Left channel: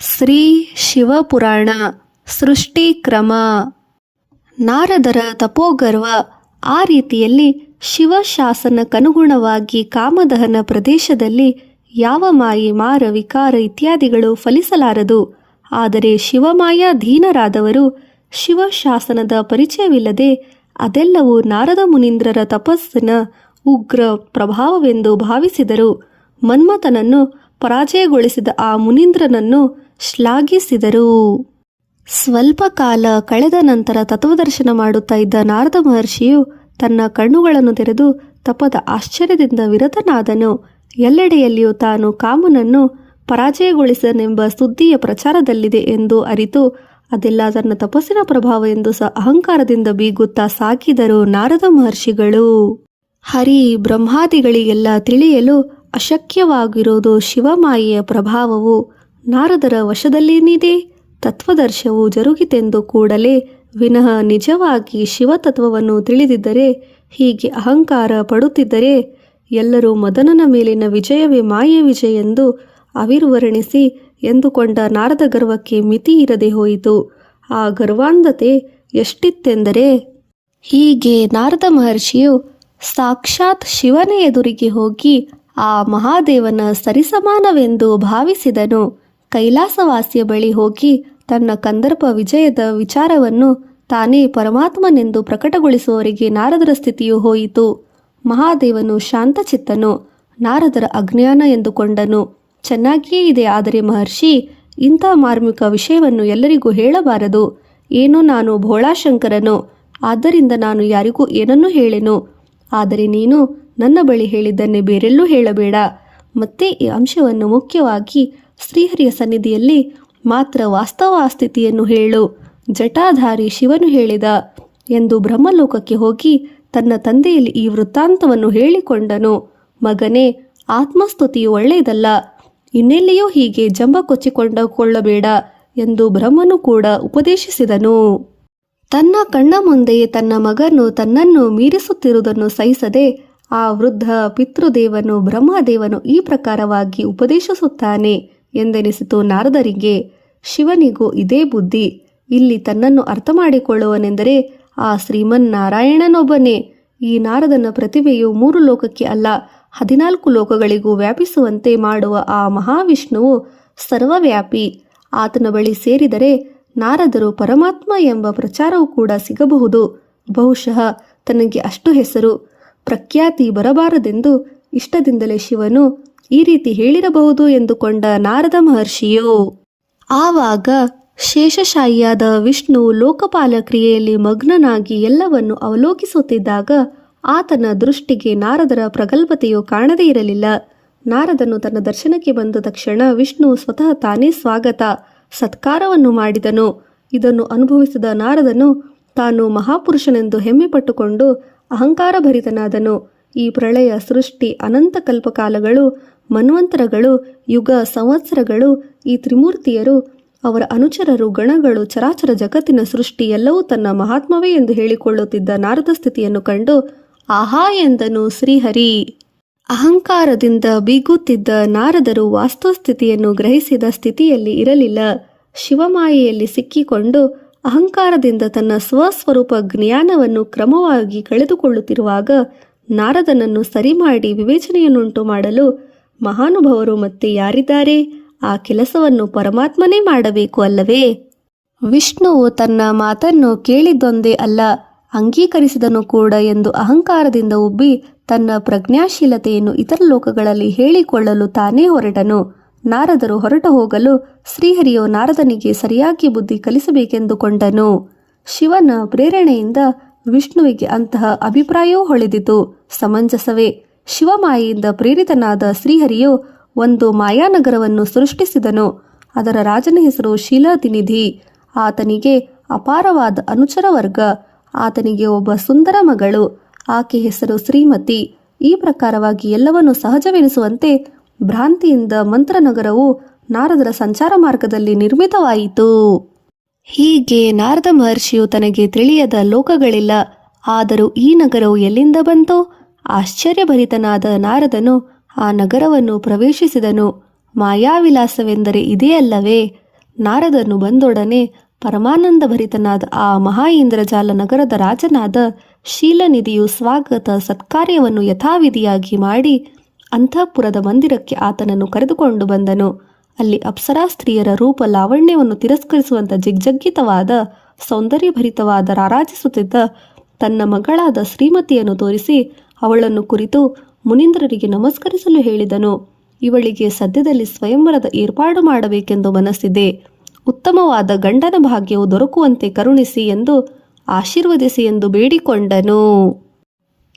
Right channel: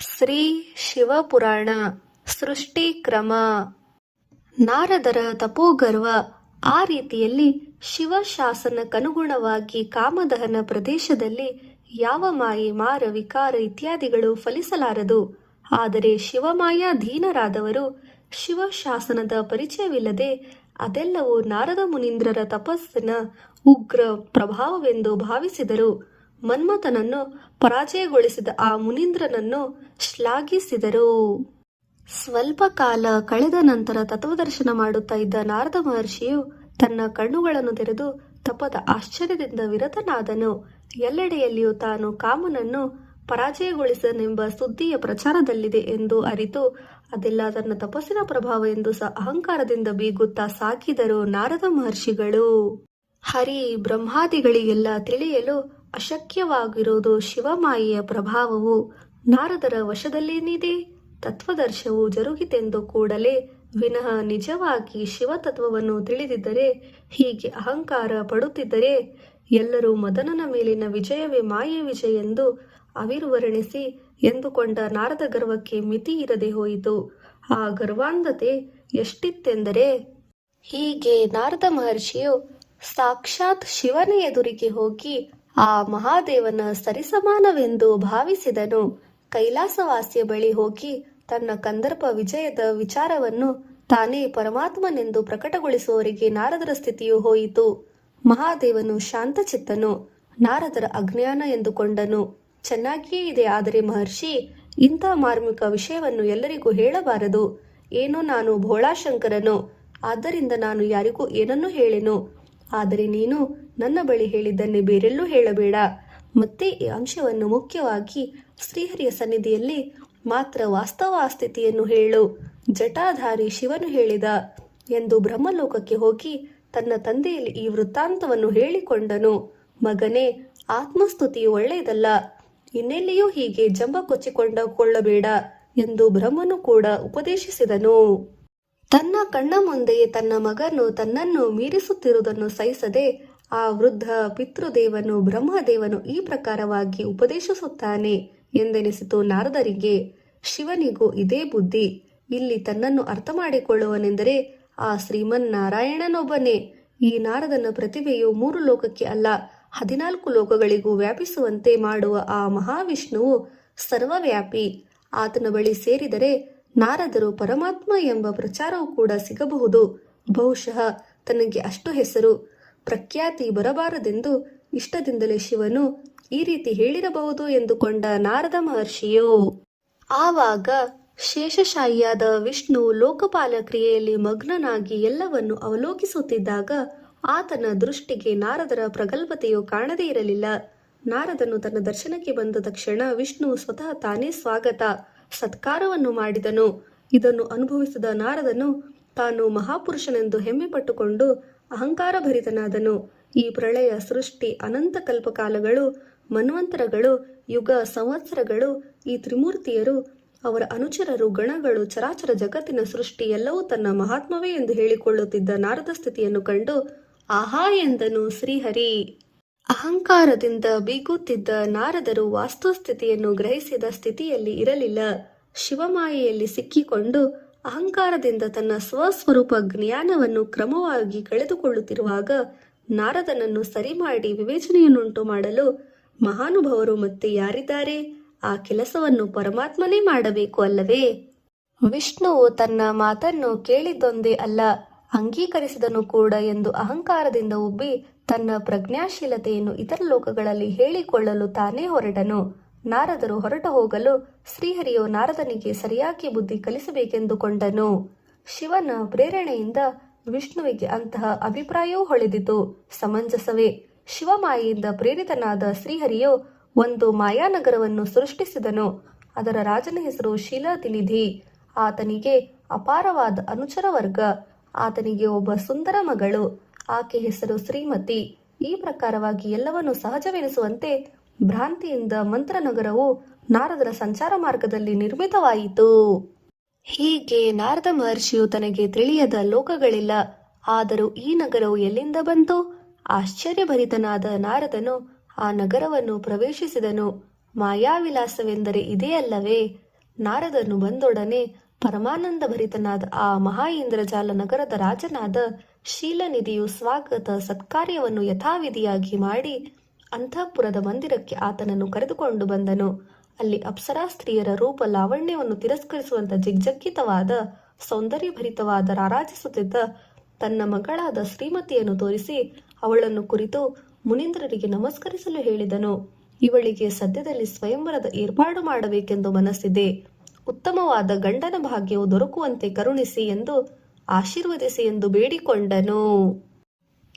ಶ್ರೀ ಶಿವಪುರಾಣ ಸೃಷ್ಟಿ ಕ್ರಮ. ನಾರದರ ತಪೋಗರ್ವ. ಆ ರೀತಿಯಲ್ಲಿ ಶಿವಶಾಸನಕ್ಕನುಗುಣವಾಗಿ ಕಾಮದಹನ ಪ್ರದೇಶದಲ್ಲಿ ಯಾವ ಮಾಯಿ ಮಾರ ವಿಕಾರ ಇತ್ಯಾದಿಗಳು ಫಲಿಸಲಾರದು. ಆದರೆ ಶಿವಮಾಯಾಧೀನರಾದವರು ಶಿವಶಾಸನದ ಪರಿಚಯವಿಲ್ಲದೆ ಅದೆಲ್ಲವೂ ನಾರದ ಮುನೀಂದ್ರರ ತಪಸ್ಸಿನ ಉಗ್ರ ಪ್ರಭಾವವೆಂದು ಭಾವಿಸಿದರು. ಮನ್ಮಥನನ್ನು ಪರಾಜಯಗೊಳಿಸಿದ ಆ ಮುನೀಂದ್ರನನ್ನು ಶ್ಲಾಘಿಸಿದರು. ಸ್ವಲ್ಪ ಕಾಲ ಕಳೆದ ನಂತರ ತತ್ವದರ್ಶನ ಮಾಡುತ್ತಾ ಇದ್ದ ನಾರದ ಮಹರ್ಷಿಯು ತನ್ನ ಕಣ್ಣುಗಳನ್ನು ತೆರೆದು ತಪದ ಆಶ್ಚರ್ಯದಿಂದ ವಿರತನಾದನು. ಎಲ್ಲೆಡೆಯಲ್ಲಿಯೂ ತಾನು ಕಾಮನನ್ನು ಪರಾಜಯಗೊಳಿಸನೆಂಬ ಸುದ್ದಿಯ ಪ್ರಚಾರದಲ್ಲಿದೆ ಎಂದು ಅರಿತು ಅದೆಲ್ಲ ತನ್ನ ತಪಸ್ಸಿನ ಪ್ರಭಾವ ಎಂದು ಅಹಂಕಾರದಿಂದ ಬೀಗುತ್ತಾ ಸಾಗಿದರು ನಾರದ ಮಹರ್ಷಿಗಳು. ಹರಿ ಬ್ರಹ್ಮಾದಿಗಳಿಗೆಲ್ಲ ತಿಳಿಯಲು ಅಶಕ್ಯವಾಗಿರುವುದು ಶಿವಮಾಯೆಯ ಪ್ರಭಾವವು ನಾರದರ ವಶದಲ್ಲೇನಿದೆ. ತತ್ವದರ್ಶವು ಜರುಗಿತೆಂದು ಕೂಡಲೇ ವಿನಃ ನಿಜವಾಗಿ ಶಿವತತ್ವವನ್ನು ತಿಳಿದಿದ್ದರೆ, ಹೀಗೆ ಅಹಂಕಾರ ಪಡುತ್ತಿದ್ದರೆ ಎಲ್ಲರೂ ಮದನನ ಮೇಲಿನ ವಿಜಯವೇ ಮಾಯೆ ವಿಜಯ ಎಂದು ಅವಿರ್ವರ್ಣಿಸಿ ಎಂದುಕೊಂಡ ನಾರದ ಗರ್ವಕ್ಕೆ ಮಿತಿ ಇರದೆ ಹೋಯಿತು. ಆ ಗರ್ವಾಂಧತೆ ಎಷ್ಟಿತ್ತೆಂದರೆ, ಹೀಗೆ ನಾರದ ಮಹರ್ಷಿಯು ಸಾಕ್ಷಾತ್ ಶಿವನ ಎದುರಿಗೆ ಹೋಗಿ ಆ ಮಹಾದೇವನ ಸರಿಸಮಾನವೆಂದು ಭಾವಿಸಿದನು. ಕೈಲಾಸವಾಸಿಯ ಬಳಿ ಹೋಗಿ ತನ್ನ ಕಂದರ್ಪ ವಿಜಯದ ವಿಚಾರವನ್ನು ತಾನೇ ಪರಮಾತ್ಮನೆಂದು ಪ್ರಕಟಗೊಳಿಸುವವರಿಗೆ ನಾರದರ ಸ್ಥಿತಿಯು ಹೋಯಿತು. ಮಹಾದೇವನು ಶಾಂತಚಿತ್ತನು, ನಾರದರ ಅಜ್ಞಾನ ಎಂದುಕೊಂಡನು. ಚೆನ್ನಾಗಿಯೇ ಇದೆ, ಆದರೆ ಮಹರ್ಷಿ, ಇಂಥ ಮಾರ್ಮಿಕ ವಿಷಯವನ್ನು ಎಲ್ಲರಿಗೂ ಹೇಳಬಾರದು. ಏನೋ ನಾನು ಭೋಳಾಶಂಕರನು, ಆದ್ದರಿಂದ ನಾನು ಯಾರಿಗೂ ಏನನ್ನೂ ಹೇಳೆನು. ಆದರೆ ನೀನು ನನ್ನ ಬಳಿ ಹೇಳಿದ್ದನ್ನೇ ಬೇರೆಲ್ಲೂ ಹೇಳಬೇಡ. ಮತ್ತೆ ಈ ಅಂಶವನ್ನು ಮುಖ್ಯವಾಗಿ ಶ್ರೀಹರಿಯ ಸನ್ನಿಧಿಯಲ್ಲಿ ಮಾತ್ರ ವಾಸ್ತವ ಸ್ಥಿತಿಯನ್ನು ಹೇಳು. ಜಟಾಧಾರಿ ಶಿವನು ಹೇಳಿದ ಎಂದು ಬ್ರಹ್ಮಲೋಕಕ್ಕೆ ಹೋಗಿ ತನ್ನ ತಂದೆಯಲ್ಲಿ ಈ ವೃತ್ತಾಂತವನ್ನು ಹೇಳಿಕೊಂಡನು. ಮಗನೇ, ಆತ್ಮಸ್ತುತಿಯು ಒಳ್ಳೆಯದಲ್ಲ, ಇನ್ನೆಲ್ಲಿಯೂ ಹೀಗೆ ಜಂಬ ಕೊಚ್ಚಿಕೊಂಡಕೊಳ್ಳಬೇಡ ಎಂದು ಬ್ರಹ್ಮನು ಕೂಡ ಉಪದೇಶಿಸಿದನು. ತನ್ನ ಕಣ್ಣ ಮುಂದೆ ತನ್ನ ಮಗನು ತನ್ನನ್ನು ಮೀರಿಸುತ್ತಿರುವುದನ್ನು ಸಹಿಸದೆ ಆ ವೃದ್ಧ ಪಿತೃದೇವನು ಬ್ರಹ್ಮದೇವನು ಈ ಪ್ರಕಾರವಾಗಿ ಉಪದೇಶಿಸುತ್ತಾನೆ ಎಂದೆನಿಸಿತು ನಾರದರಿಗೆ. ಶಿವನಿಗೂ ಇದೇ ಬುದ್ಧಿ. ಇಲ್ಲಿ ತನ್ನನ್ನು ಅರ್ಥ ಮಾಡಿಕೊಳ್ಳುವನೆಂದರೆ ಆ ಶ್ರೀಮನ್ನಾರಾಯಣನೊಬ್ಬನೇ. ಈ ನಾರದನ ಪ್ರತಿಭೆಯು 3 ಲೋಕಕ್ಕೆ ಅಲ್ಲ 14 ಲೋಕಗಳಿಗೂ ವ್ಯಾಪಿಸುವಂತೆ ಮಾಡುವ ಆ ಮಹಾವಿಷ್ಣುವು ಸರ್ವವ್ಯಾಪಿ. ಆತನ ಬಳಿ ಸೇರಿದರೆ ನಾರದರು ಪರಮಾತ್ಮ ಎಂಬ ಪ್ರಚಾರವೂ ಕೂಡ ಸಿಗಬಹುದು. ಬಹುಶಃ ತನಗೆ ಅಷ್ಟು ಹೆಸರು ಪ್ರಖ್ಯಾತಿ ಬರಬಾರದೆಂದು ಇಷ್ಟದಿಂದಲೇ ಶಿವನು ಈ ರೀತಿ ಹೇಳಿರಬಹುದು ಎಂದುಕೊಂಡ ನಾರದ ಮಹರ್ಷಿಯು. ಆವಾಗ ಶೇಷಶಾಹಿಯಾದ ವಿಷ್ಣು ಲೋಕಪಾಲ ಕ್ರಿಯೆಯಲ್ಲಿ ಮಗ್ನನಾಗಿ ಎಲ್ಲವನ್ನು ಅವಲೋಕಿಸುತ್ತಿದ್ದಾಗ ಆತನ ದೃಷ್ಟಿಗೆ ನಾರದರ ಪ್ರಗಲ್ಭತೆಯು ಕಾಣದೇ ಇರಲಿಲ್ಲ. ನಾರದನು ತನ್ನ ದರ್ಶನಕ್ಕೆ ಬಂದ ತಕ್ಷಣ ವಿಷ್ಣು ಸ್ವತಃ ತಾನೇ ಸ್ವಾಗತ ಸತ್ಕಾರವನ್ನು ಮಾಡಿದನು. ಇದನ್ನು ಅನುಭವಿಸಿದ ನಾರದನು ತಾನು ಮಹಾಪುರುಷನೆಂದು ಹೆಮ್ಮೆ ಪಟ್ಟುಕೊಂಡು ಅಹಂಕಾರಭರಿತನಾದನು. ಈ ಪ್ರಳಯ ಸೃಷ್ಟಿ ಅನಂತ ಕಲ್ಪಕಾಲಗಳು, ಮನ್ವಂತರಗಳು, ಯುಗ ಸಂವತ್ಸರಗಳು, ಈ ತ್ರಿಮೂರ್ತಿಯರು, ಅವರ ಅನುಚರರು, ಗಣಗಳು, ಚರಾಚರ ಜಗತ್ತಿನ ಸೃಷ್ಟಿ ಎಲ್ಲವೂ ತನ್ನ ಮಹಾತ್ಮವೇ ಎಂದು ಹೇಳಿಕೊಳ್ಳುತ್ತಿದ್ದ ನಾರದ ಸ್ಥಿತಿಯನ್ನು ಕಂಡು ಆಹಾ ಎಂದನು ಶ್ರೀಹರಿ. ಅಹಂಕಾರದಿಂದ ಬೀಗುತ್ತಿದ್ದ ನಾರದರು ವಾಸ್ತುಸ್ಥಿತಿಯನ್ನು ಗ್ರಹಿಸಿದ ಸ್ಥಿತಿಯಲ್ಲಿ ಇರಲಿಲ್ಲ. ಶಿವಮಾಯೆಯಲ್ಲಿ ಸಿಕ್ಕಿಕೊಂಡು ಅಹಂಕಾರದಿಂದ ತನ್ನ ಸ್ವಸ್ವರೂಪ ಜ್ಞಾನವನ್ನು ಕ್ರಮವಾಗಿ ಕಳೆದುಕೊಳ್ಳುತ್ತಿರುವಾಗ ನಾರದನನ್ನು ಸರಿಮಾಡಿ ವಿವೇಚನೆಯನ್ನುಂಟು ಮಾಡಲು ಮಹಾನುಭವರು ಮತ್ತೆ ಯಾರಿದ್ದಾರೆ? ಆ ಕೆಲಸವನ್ನು ಪರಮಾತ್ಮನೇ ಮಾಡಬೇಕು ಅಲ್ಲವೇ? ವಿಷ್ಣುವು ತನ್ನ ಮಾತನ್ನು ಕೇಳಿದ್ದೊಂದೇ ಅಲ್ಲ, ಅಂಗೀಕರಿಸಿದನು ಕೂಡ ಎಂದು ಅಹಂಕಾರದಿಂದ ಉಬ್ಬಿ ತನ್ನ ಪ್ರಜ್ಞಾಶೀಲತೆಯನ್ನು ಇತರ ಲೋಕಗಳಲ್ಲಿ ಹೇಳಿಕೊಳ್ಳಲು ತಾನೇ ಹೊರಟನು. ನಾರದರು ಹೊರಟು ಹೋಗಲು ಶ್ರೀಹರಿಯು ನಾರದನಿಗೆ ಸರಿಯಾಗಿ ಬುದ್ಧಿ ಕಲಿಸಬೇಕೆಂದುಕೊಂಡನು. ಶಿವನ ಪ್ರೇರಣೆಯಿಂದ ವಿಷ್ಣುವಿಗೆ ಅಂತಹ ಅಭಿಪ್ರಾಯವೂ ಹೊಳೆದಿತು. ಸಮಂಜಸವೇ. ಶಿವಮಾಯೆಯಿಂದ ಪ್ರೇರಿತನಾದ ಶ್ರೀಹರಿಯು ಒಂದು ಮಾಯಾನಗರವನ್ನು ಸೃಷ್ಟಿಸಿದನು. ಅದರ ರಾಜನ ಹೆಸರು ಶೀಲಾತಿನಿಧಿ. ಆತನಿಗೆ ಅಪಾರವಾದ ಅನುಚರ ವರ್ಗ. ಆತನಿಗೆ ಒಬ್ಬ ಸುಂದರ ಮಗಳು, ಆಕೆ ಹೆಸರು ಶ್ರೀಮತಿ. ಈ ಪ್ರಕಾರವಾಗಿ ಎಲ್ಲವನ್ನು ಸಹಜವೆನಿಸುವಂತೆ ಭ್ರಾಂತಿಯಿಂದ ಮಂತ್ರನಗರವು ನಾರದರ ಸಂಚಾರ ಮಾರ್ಗದಲ್ಲಿ ನಿರ್ಮಿತವಾಯಿತು. ಹೀಗೆ ನಾರದ ಮಹರ್ಷಿಯು ತನಗೆ ತಿಳಿಯದ ಲೋಕಗಳಿಲ್ಲ, ಆದರೂ ಈ ನಗರವು ಎಲ್ಲಿಂದ ಬಂತೋ? ಆಶ್ಚರ್ಯಭರಿತನಾದ ನಾರದನು ಆ ನಗರವನ್ನು ಪ್ರವೇಶಿಸಿದನು. ಮಾಯಾವಿಲಾಸವೆಂದರೆ ಇದೇ ಅಲ್ಲವೇ? ನಾರದನು ಬಂದೊಡನೆ ಪರಮಾನಂದ ಭರಿತನಾದ ಆ ಮಹಾ ಇಂದ್ರಜಾಲ ನಗರದ ರಾಜನಾದ ಶೀಲನಿಧಿಯು ಸ್ವಾಗತ ಸತ್ಕಾರ್ಯವನ್ನು ಯಥಾವಿಧಿಯಾಗಿ ಮಾಡಿ ಅಂತಃಪುರದ ಮಂದಿರಕ್ಕೆ ಆತನನ್ನು ಕರೆದುಕೊಂಡು ಬಂದನು. ಅಲ್ಲಿ ಅಪ್ಸರಾ ಸ್ತ್ರೀಯರ ರೂಪ ಲಾವಣ್ಯವನ್ನು ತಿರಸ್ಕರಿಸುವಂಥ ಜಿಗ್ಜಗ್ಗಿತವಾದ ಸೌಂದರ್ಯಭರಿತವಾದ ರಾರಾಜಿಸುತ್ತಿದ್ದ ತನ್ನ ಮಗಳಾದ ಶ್ರೀಮತಿಯನ್ನು ತೋರಿಸಿ ಅವಳನ್ನು ಕುರಿತು ಮುನೀಂದ್ರರಿಗೆ ನಮಸ್ಕರಿಸಲು ಹೇಳಿದನು. ಇವಳಿಗೆ ಸದ್ಯದಲ್ಲಿ ಸ್ವಯಂವರದ ಏರ್ಪಾಡು ಮಾಡಬೇಕೆಂದು ಮನಸ್ಸಿದೆ. ಉತ್ತಮವಾದ ಗಂಡನ ಭಾಗ್ಯವು ದೊರಕುವಂತೆ ಕರುಣಿಸಿ ಎಂದು ಆಶೀರ್ವದಿಸಿ ಎಂದು ಬೇಡಿಕೊಂಡನು.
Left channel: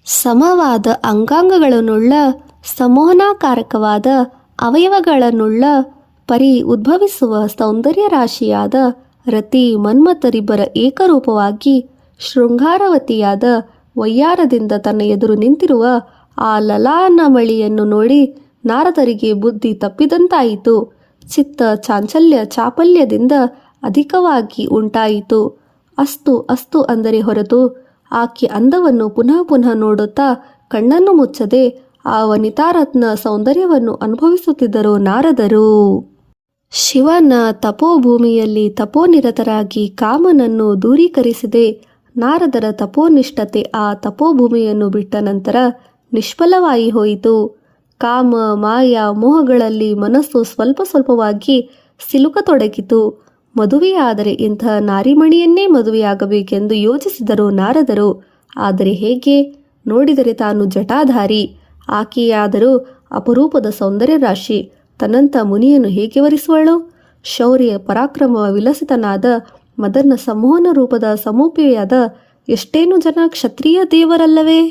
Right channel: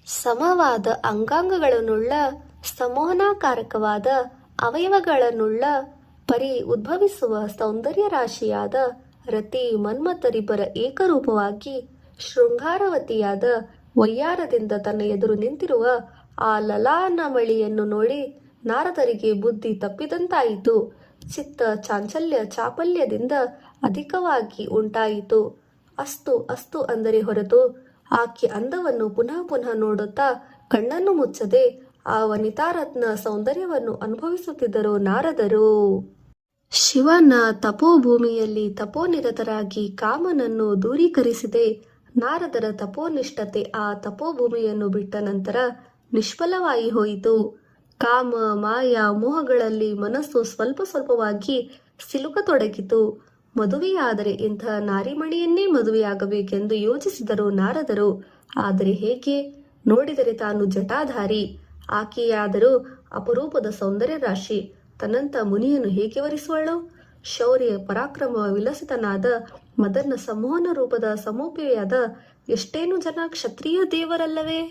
ಸಮವಾದ ಅಂಗಾಂಗಗಳನ್ನುಳ್ಳ ಸಮೋಹನಾಕಾರಕವಾದ ಅವಯವಗಳನ್ನುಳ್ಳ ಪರಿ ಉದ್ಭವಿಸುವ ಸೌಂದರ್ಯ ರಾಶಿಯಾದ ರತಿ ಮನ್ಮಥರಿಬ್ಬರ ಏಕರೂಪವಾಗಿ ಶೃಂಗಾರವತಿಯಾದ ವಯ್ಯಾರದಿಂದ ತನ್ನ ಎದುರು ನಿಂತಿರುವ ಆ ಲಲಾನಮಳಿಯನ್ನು ನೋಡಿ ನಾರದರಿಗೆ ಬುದ್ಧಿ ತಪ್ಪಿದಂತಾಯಿತು. ಚಿತ್ತ ಚಾಂಚಲ್ಯ ಚಾಪಲ್ಯದಿಂದ ಅಧಿಕವಾಗಿ ಉಂಟಾಯಿತು. ಅಸ್ತು ಅಸ್ತು ಅಂದರೆ ಹೊರತು ಆಕೆ ಅಂದವನ್ನು ಪುನಃ ಪುನಃ ನೋಡುತ್ತಾ ಕಣ್ಣನ್ನು ಮುಚ್ಚದೆ ಆ ವನಿತಾರತ್ನ ಸೌಂದರ್ಯವನ್ನು ಅನುಭವಿಸುತ್ತಿದ್ದರು ನಾರದರು. ಶಿವನ ತಪೋಭೂಮಿಯಲ್ಲಿ ತಪೋನಿರತರಾಗಿ ಕಾಮನನ್ನು ದೂರೀಕರಿಸಿದೆ. ನಾರದರ ತಪೋನಿಷ್ಠತೆ ಆ ತಪೋಭೂಮಿಯನ್ನು ಬಿಟ್ಟ ನಂತರ ನಿಷ್ಫಲವಾಗಿ ಹೋಯಿತು. ಕಾಮ ಮಾಯ ಮೋಹಗಳಲ್ಲಿ ಮನಸ್ಸು ಸ್ವಲ್ಪ ಸ್ವಲ್ಪವಾಗಿ ಸಿಲುಕತೊಡಗಿತು. ಮದುವೆಯಾದರೆ ಇಂತಹ ನಾರಿಮಣಿಯನ್ನೇ ಮದುವೆಯಾಗಬೇಕೆಂದು ಯೋಚಿಸಿದರು ನಾರದರು. ಆದರೆ ಹೇಗೆ? ನೋಡಿದರೆ ತಾನು ಜಟಾಧಾರಿ, ಆಕೆಯಾದರೂ ಅಪರೂಪದ ಸೌಂದರ್ಯ ರಾಶಿ. ತನ್ನಂಥ ಮುನಿಯನ್ನು ಹೇಗೆ ವರಿಸುವಳು? ಶೌರ್ಯ ಪರಾಕ್ರಮ ವಿಲಸಿತನಾದ ಮದನ ಸಮೋಹನ ರೂಪದ ಸಮೂಪಿಯಾದ ಎಷ್ಟೇನು ಜನ ಕ್ಷತ್ರಿಯ ದೇವರಲ್ಲವೇ?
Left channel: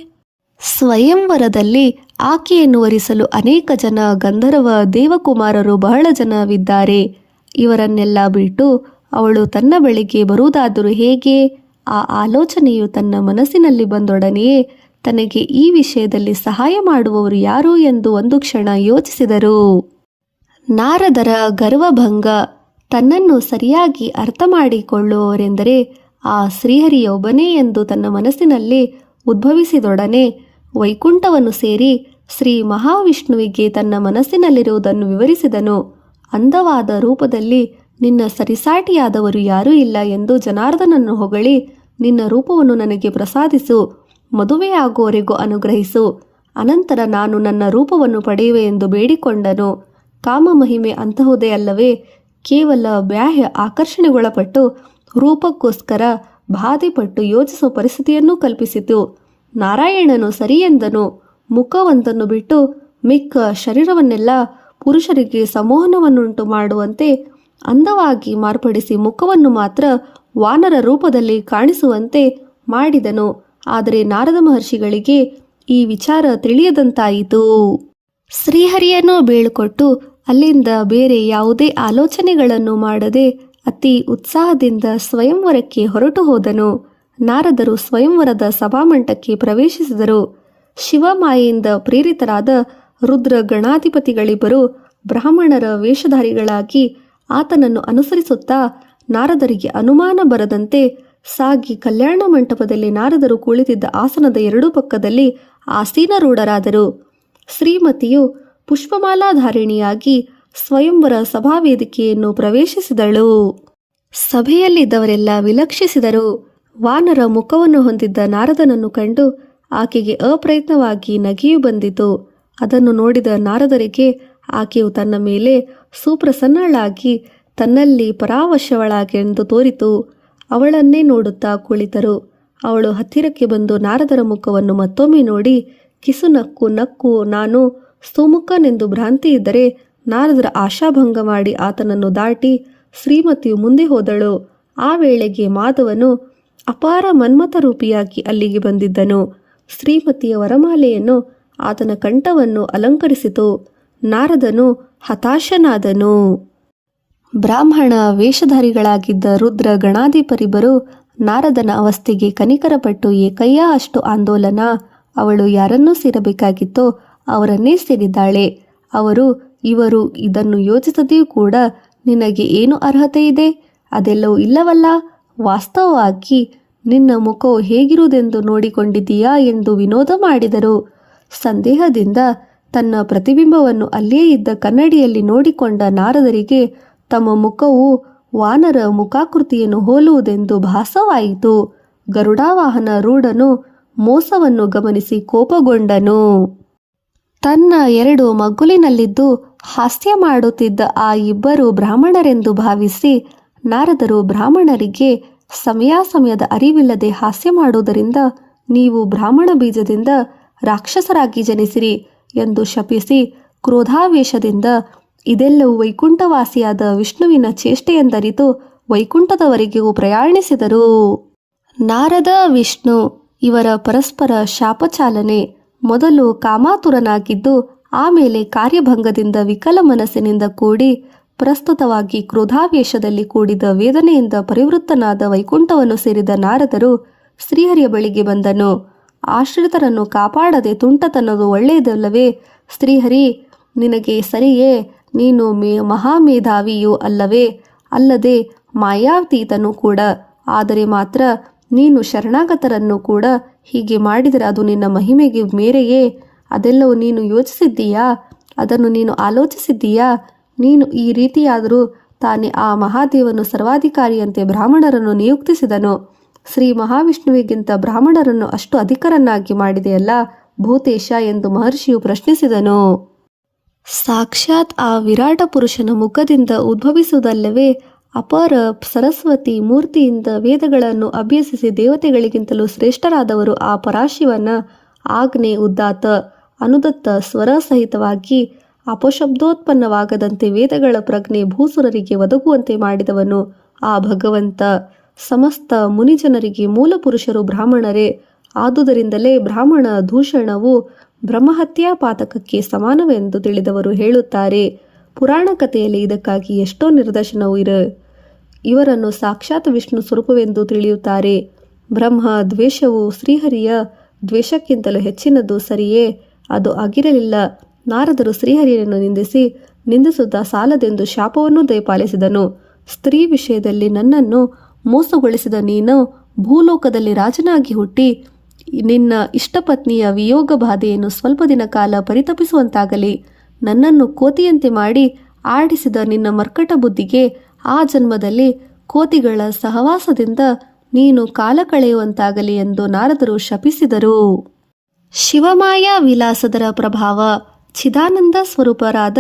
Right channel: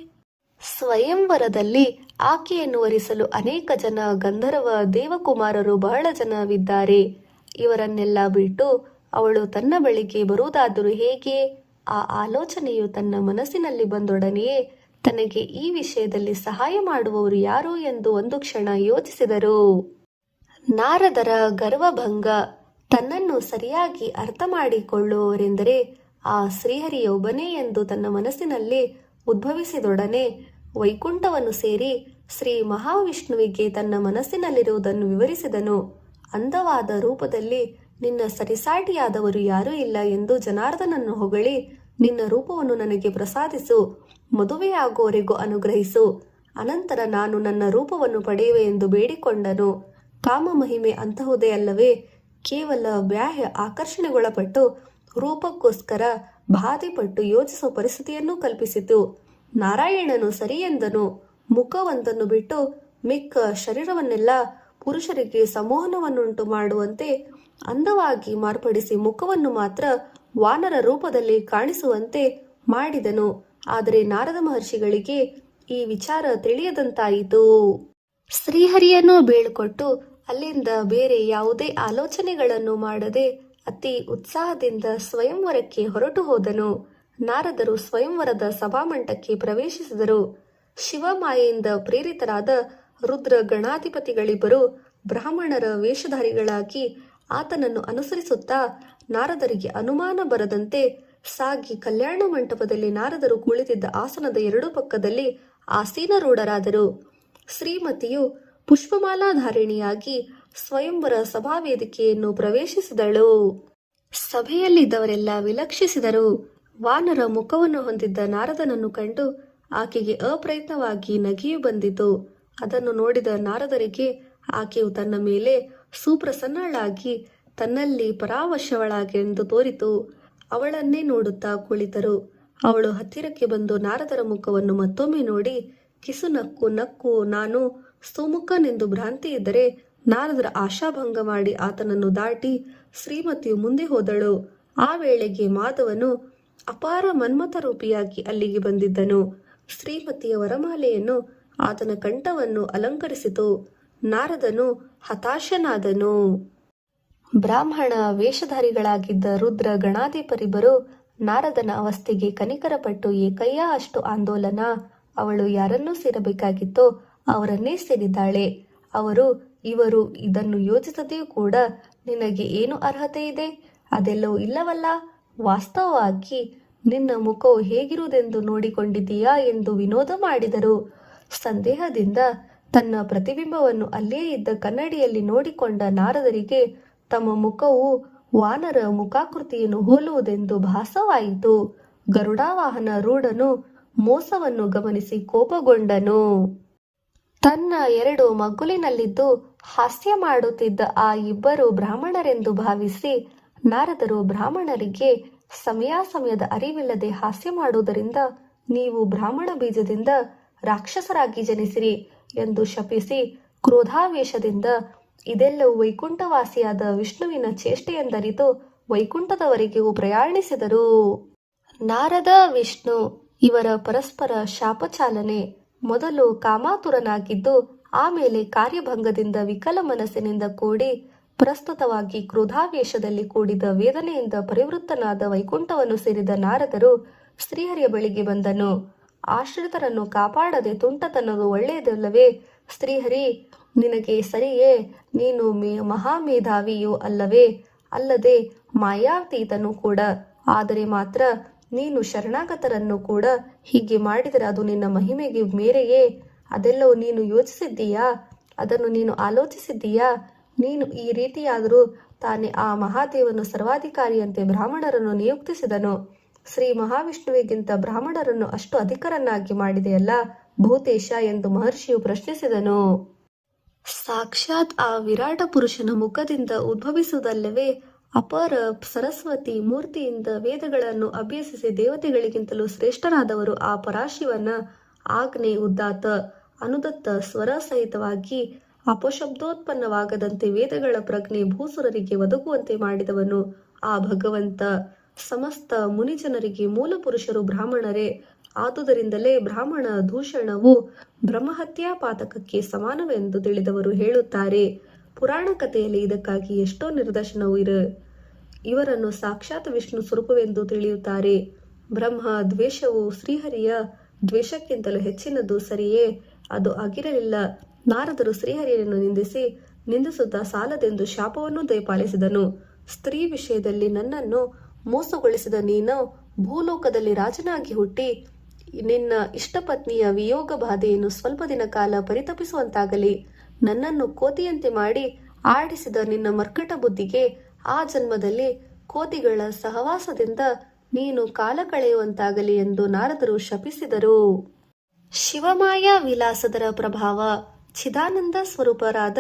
ಸ್ವಯಂವರದಲ್ಲಿ ಆಕೆಯನ್ನು ವರಿಸಲು ಅನೇಕ ಜನ ಗಂಧರ್ವ ದೇವಕುಮಾರರು ಬಹಳ ಜನವಿದ್ದಾರೆ. ಇವರನ್ನೆಲ್ಲ ಬಿಟ್ಟು ಅವಳು ತನ್ನ ಬಳಿಗೆ ಬರುವುದಾದರೂ ಹೇಗೆ? ಆ ಆಲೋಚನೆಯು ತನ್ನ ಮನಸ್ಸಿನಲ್ಲಿ ಬಂದೊಡನೆಯೇ ತನಗೆ ಈ ವಿಷಯದಲ್ಲಿ ಸಹಾಯ ಮಾಡುವವರು ಯಾರು ಎಂದು ಒಂದು ಕ್ಷಣ ಯೋಚಿಸಿದರು. ನಾರದರ ಗರ್ವಭಂಗ. ತನ್ನನ್ನು ಸರಿಯಾಗಿ ಅರ್ಥ ಮಾಡಿಕೊಳ್ಳುವವರೆಂದರೆ ಆ ಶ್ರೀಹರಿಯೊಬ್ಬನೇ ಎಂದು ತನ್ನ ಮನಸ್ಸಿನಲ್ಲಿ ಉದ್ಭವಿಸಿದೊಡನೆ ವೈಕುಂಠವನ್ನು ಸೇರಿ ಶ್ರೀ ಮಹಾವಿಷ್ಣುವಿಗೆ ತನ್ನ ಮನಸ್ಸಿನಲ್ಲಿರುವುದನ್ನು ವಿವರಿಸಿದನು. ಅಂದವಾದ ರೂಪದಲ್ಲಿ ನಿನ್ನ ಸರಿಸಾಟಿಯಾದವರು ಯಾರೂ ಇಲ್ಲ ಎಂದು ಜನಾರ್ದನನ್ನು ಹೊಗಳಿ, ನಿನ್ನ ರೂಪವನ್ನು ನನಗೆ ಪ್ರಸಾದಿಸು, ಮದುವೆಯಾಗುವವರೆಗೂ ಅನುಗ್ರಹಿಸು, ಅನಂತರ ನಾನು ನನ್ನ ರೂಪವನ್ನು ಪಡೆಯುವೆ ಎಂದು ಬೇಡಿಕೊಂಡನು. ಕಾಮ ಮಹಿಮೆ ಅಂತಹುದೇ ಅಲ್ಲವೇ? ಕೇವಲ ಬಾಹ್ಯ ಆಕರ್ಷಣೆಗೊಳಪಟ್ಟು ರೂಪಕ್ಕೋಸ್ಕರ ಬಾಧೆಪಟ್ಟು ಯೋಚಿಸುವ ಪರಿಸ್ಥಿತಿಯನ್ನು ಕಲ್ಪಿಸಿತು. ನಾರಾಯಣನು ಸರಿ ಎಂದನು. ಮುಖವೊಂದನ್ನು ಬಿಟ್ಟು ಮಿಕ್ಕ ಶರೀರವನ್ನೆಲ್ಲ ಪುರುಷರಿಗೆ ಸಮೋಹನವನ್ನುಂಟು ಮಾಡುವಂತೆ ಅಂದವಾಗಿ ಮಾರ್ಪಡಿಸಿ ಮುಖವನ್ನು ಮಾತ್ರ ವಾನರ ರೂಪದಲ್ಲಿ ಕಾಣಿಸುವಂತೆ ಮಾಡಿದನು. ಆದರೆ ನಾರದ ಮಹರ್ಷಿಗಳಿಗೆ ಈ ವಿಚಾರ ತಿಳಿಯದಂತಾಯಿತು. ಶ್ರೀಹರಿಯನ್ನು ಬೀಳ್ಕೊಟ್ಟು ಅಲ್ಲಿಂದ ಬೇರೆ ಯಾವುದೇ ಆಲೋಚನೆಗಳನ್ನು ಮಾಡದೆ ಅತಿ ಉತ್ಸಾಹದಿಂದ ಸ್ವಯಂವರಕ್ಕೆ ಹೊರಟು ಹೋದನು. ನಾರದರು ಸ್ವಯಂವರದ ಸಭಾಮಂಟಕ್ಕೆ ಪ್ರವೇಶಿಸಿದರು. ಶಿವಮಾಯೆಯಿಂದ ಪ್ರೇರಿತರಾದ ರುದ್ರ ಗಣಾಧಿಪತಿಗಳಿಬ್ಬರು ಬ್ರಾಹ್ಮಣರ ವೇಷಧಾರಿಗಳಾಗಿ ಆತನನ್ನು ಅನುಸರಿಸುತ್ತಾ ನಾರದರಿಗೆ ಅನುಮಾನ ಬರದಂತೆ ಸಾಗಿ ಕಲ್ಯಾಣ ಮಂಟಪದಲ್ಲಿ ನಾರದರು ಕುಳಿತಿದ್ದ ಆಸನದ ಎರಡೂ ಪಕ್ಕದಲ್ಲಿ ಆಸೀನರೂಢರಾದರು. ಶ್ರೀಮತಿಯು ಪುಷ್ಪಮಾಲಾಧಾರಿಣಿಯಾಗಿ ಸ್ವಯಂವರ ಸಭಾವೇದಿಕೆಯನ್ನು ಪ್ರವೇಶಿಸಿದಳು. ಸಭೆಯಲ್ಲಿದ್ದವರೆಲ್ಲ ವಿಲಕ್ಷಿಸಿದರು. ವಾನರ ಮುಖವನ್ನು ಹೊಂದಿದ್ದ ನಾರದನನ್ನು ಕಂಡು ಆಕೆಗೆ ಅಪ್ರಯತ್ನವಾಗಿ ನಗೆಯು ಬಂದಿತು. ಅದನ್ನು ನೋಡಿದ ನಾರದರಿಗೆ ಆಕೆಯು ತನ್ನ ಮೇಲೆ ಸುಪ್ರಸನ್ನಳಾಗಿ ತನ್ನಲ್ಲಿ ಪರಾವಶವಳಾಗೆಂದು ತೋರಿತು. ಅವಳನ್ನೇ ನೋಡುತ್ತಾ ಕುಳಿತರು. ಅವಳು ಹತ್ತಿರಕ್ಕೆ ಬಂದು ನಾರದರ ಮುಖವನ್ನು ಮತ್ತೊಮ್ಮೆ ನೋಡಿ ಕಿಸು ನಕ್ಕು ನಕ್ಕು ನಾನು ಸುಮುಖನೆಂದು ಭ್ರಾಂತಿ ಇದ್ದರೆ ನಾರದರ ಆಶಾಭಂಗ ಮಾಡಿ ಆತನನ್ನು ದಾಟಿ ಶ್ರೀಮತಿಯು ಮುಂದೆ ಹೋದಳು. ಆ ವೇಳೆಗೆ ಮಾಧವನು ಅಪಾರ ಮನ್ಮಥರೂಪಿಯಾಗಿ ಅಲ್ಲಿಗೆ ಬಂದಿದ್ದನು. ಶ್ರೀಮತಿಯ ವರಮಾಲೆಯನ್ನು ಆತನ ಕಂಠವನ್ನು ಅಲಂಕರಿಸಿತು. ನಾರದನು ಹತಾಶನಾದನು. ಬ್ರಾಹ್ಮಣ ವೇಷಧಾರಿಗಳಾಗಿದ್ದ ರುದ್ರ ಗಣಾಧಿಪರಿಬ್ಬರು ನಾರದನ ಅವಸ್ಥೆಗೆ ಕನಿಕರಪಟ್ಟು ಏಕಯ್ಯ ಅಷ್ಟು ಆಂದೋಲನ. ಅವಳು ಯಾರನ್ನೂ ಸೇರಬೇಕಾಗಿತ್ತೋ ಅವರನ್ನೇ ಸೇರಿದ್ದಾಳೆ. ಅವರು ಇವರು ಇದನ್ನು ಯೋಚಿಸದೆಯೂ ಕೂಡ ನಿನಗೆ ಏನು ಅರ್ಹತೆ ಇದೆ? ಅದೆಲ್ಲವೂ ಇಲ್ಲವಲ್ಲ. ವಾಸ್ತವವಾಗಿ ನಿನ್ನ ಮುಖವು ಹೇಗಿರುವುದೆಂದು ನೋಡಿಕೊಂಡಿದ್ದೀಯಾ ಎಂದು ವಿನೋದ ಮಾಡಿದರು. ಸಂದೇಹದಿಂದ ತನ್ನ ಪ್ರತಿಬಿಂಬವನ್ನು ಅಲ್ಲಿಯೇ ಇದ್ದ ಕನ್ನಡಿಯಲ್ಲಿ ನೋಡಿಕೊಂಡ ನಾರದರಿಗೆ ತಮ್ಮ ಮುಖವು ವಾನರ ಮುಖಾಕೃತಿಯನ್ನು ಹೋಲುವುದೆಂದು ಭಾಸವಾಯಿತು. ಗರುಡಾವಾಹನ ರೂಢನು ಮೋಸವನ್ನು ಗಮನಿಸಿ ಕೋಪಗೊಂಡನು. ತನ್ನ 2 ಮಗ್ಗುಲಿನಲ್ಲಿದ್ದು ಹಾಸ್ಯ ಮಾಡುತ್ತಿದ್ದ ಆ ಇಬ್ಬರು ಬ್ರಾಹ್ಮಣರೆಂದು ಭಾವಿಸಿ ನಾರದರು ಬ್ರಾಹ್ಮಣರಿಗೆ ಸಮಯಾಸಮಯದ ಅರಿವಿಲ್ಲದೆ ಹಾಸ್ಯ ಮಾಡುವುದರಿಂದ ನೀವು ಬ್ರಾಹ್ಮಣ ಬೀಜದಿಂದ ರಾಕ್ಷಸರಾಗಿ ಜನಿಸಿರಿ ಎಂದು ಶಪಿಸಿ ಕ್ರೋಧಾವೇಶದಿಂದ ಇದೆಲ್ಲವೂ ವೈಕುಂಠವಾಸಿಯಾದ ವಿಷ್ಣುವಿನ ಚೇಷ್ಟೆಯೆಂದರಿತು ವೈಕುಂಠದವರೆಗೂ ಪ್ರಯಾಣಿಸಿದರು. ನಾರದ ವಿಷ್ಣು ಇವರ ಪರಸ್ಪರ ಶಾಪಚಾಲನೆ. ಮೊದಲು ಕಾಮಾತುರನಾಗಿದ್ದು ಆಮೇಲೆ ಕಾರ್ಯಭಂಗದಿಂದ ವಿಕಲ ಮನಸ್ಸಿನಿಂದ ಕೂಡಿ ಪ್ರಸ್ತುತವಾಗಿ ಕ್ರೋಧಾವೇಶದಲ್ಲಿ ಕೂಡಿದ ವೇದನೆಯಿಂದ ಪರಿವೃತ್ತನಾದ ವೈಕುಂಠವನ್ನು ಸೇರಿದ ನಾರದರು ಶ್ರೀಹರಿಯ ಬಳಿಗೆ ಬಂದನು. ಆಶ್ರಿತರನ್ನು ಕಾಪಾಡದೆ ತುಂಟತನದು ಒಳ್ಳೆಯದಲ್ಲವೇ? ಶ್ರೀಹರಿ, ನಿನಗೆ ಸರಿಯೇ? ನೀನು ಮಹಾಮೇಧಾವಿಯೂ ಅಲ್ಲವೇ? ಅಲ್ಲದೆ ಮಾಯಾತೀತನೂ ಕೂಡ. ಆದರೆ ಮಾತ್ರ ನೀನು ಶರಣಾಗತರನ್ನು ಕೂಡ ಹೀಗೆ ಮಾಡಿದರೆ ಅದು ನಿನ್ನ ಮಹಿಮೆಗೆ ಮೇರೆಯೇ? ಅದೆಲ್ಲವೂ ನೀನು ಯೋಚಿಸಿದ್ದೀಯಾ? ಅದನ್ನು ನೀನು ಆಲೋಚಿಸಿದ್ದೀಯಾ? ನೀನು ಈ ರೀತಿಯಾದರೂ ತಾನೇ ಆ ಮಹಾದೇವನು ಸರ್ವಾಧಿಕಾರಿಯಂತೆ ಬ್ರಾಹ್ಮಣರನ್ನು ನಿಯುಕ್ತಿಸಿದನು. ಶ್ರೀ ಮಹಾವಿಷ್ಣುವಿಗಿಂತ ಬ್ರಾಹ್ಮಣರನ್ನು ಅಷ್ಟು ಅಧಿಕರನ್ನಾಗಿ ಮಾಡಿದೆಯಲ್ಲ ಭೂತೇಶ ಎಂದು ಮಹರ್ಷಿಯು ಪ್ರಶ್ನಿಸಿದನು. ಸಾಕ್ಷಾತ್ ಆ ವಿರಾಟ ಪುರುಷನ ಮುಖದಿಂದ ಉದ್ಭವಿಸುವುದಲ್ಲವೇ? ಅಪಾರ ಸರಸ್ವತಿ ಮೂರ್ತಿಯಿಂದ ವೇದಗಳನ್ನು ಅಭ್ಯಸಿಸಿ ದೇವತೆಗಳಿಗಿಂತಲೂ ಶ್ರೇಷ್ಠರಾದವರು ಆ ಪರಾಶಿವನ ಆಜ್ಞೆ ಉದಾತ್ತ ಅನುದತ್ತ ಸ್ವರ ಸಹಿತವಾಗಿ ಅಪಶಬ್ದೋತ್ಪನ್ನವಾಗದಂತೆ ವೇದಗಳ ಪ್ರಜ್ಞೆ ಭೂಸುರರಿಗೆ ಒದಗುವಂತೆ ಮಾಡಿದವನು ಆ ಭಗವಂತ. ಸಮಸ್ತ ಮುನಿಜನರಿಗೆ ಮೂಲ ಪುರುಷರು ಬ್ರಾಹ್ಮಣರೇ. ಆದುದರಿಂದಲೇ ಬ್ರಾಹ್ಮಣ ದೂಷಣವು ಬ್ರಹ್ಮಹತ್ಯಾ ಪಾತಕಕ್ಕೆ ಸಮಾನವೆಂದು ತಿಳಿದವರು ಹೇಳುತ್ತಾರೆ. ಪುರಾಣ ಕಥೆಯಲ್ಲಿ ಇದಕ್ಕಾಗಿ ಎಷ್ಟೋ ನಿದರ್ಶನವೂ ಇವರನ್ನು ಸಾಕ್ಷಾತ್ ವಿಷ್ಣು ಸ್ವರೂಪವೆಂದು ತಿಳಿಯುತ್ತಾರೆ. ಬ್ರಹ್ಮ ದ್ವೇಷವು ಶ್ರೀಹರಿಯ ದ್ವೇಷಕ್ಕಿಂತಲೂ ಹೆಚ್ಚಿನದು ಸರಿಯೇ? ಅದು ಆಗಿರಲಿಲ್ಲ. ನಾರದರು ಶ್ರೀಹರಿಯನ್ನು ನಿಂದಿಸುತ್ತಾ ಸಾಲದೆಂದು ಶಾಪವನ್ನು ದಯಪಾಲಿಸಿದನು. ಸ್ತ್ರೀ ವಿಷಯದಲ್ಲಿ ನನ್ನನ್ನು ಮೋಸಗೊಳಿಸಿದ ನೀನು ಭೂಲೋಕದಲ್ಲಿ ರಾಜನಾಗಿ ಹುಟ್ಟಿ ನಿನ್ನ ಇಷ್ಟಪತ್ನಿಯ ವಿಯೋಗ ಬಾಧೆಯನ್ನು ಸ್ವಲ್ಪ ದಿನ ಕಾಲ ಪರಿತಪಿಸುವಂತಾಗಲಿ. ನನ್ನನ್ನು ಕೋತಿಯಂತೆ ಮಾಡಿ ಆಡಿಸಿದ ನಿನ್ನ ಮರ್ಕಟ ಬುದ್ಧಿಗೆ ಆ ಜನ್ಮದಲ್ಲಿ ಕೋತಿಗಳ ಸಹವಾಸದಿಂದ ನೀನು ಕಾಲ ಕಳೆಯುವಂತಾಗಲಿ ಎಂದು ನಾರದರು ಶಪಿಸಿದರು. ಶಿವಮಾಯಾ ವಿಲಾಸದರ ಪ್ರಭಾವ. ಚಿದಾನಂದ ಸ್ವರೂಪರಾದ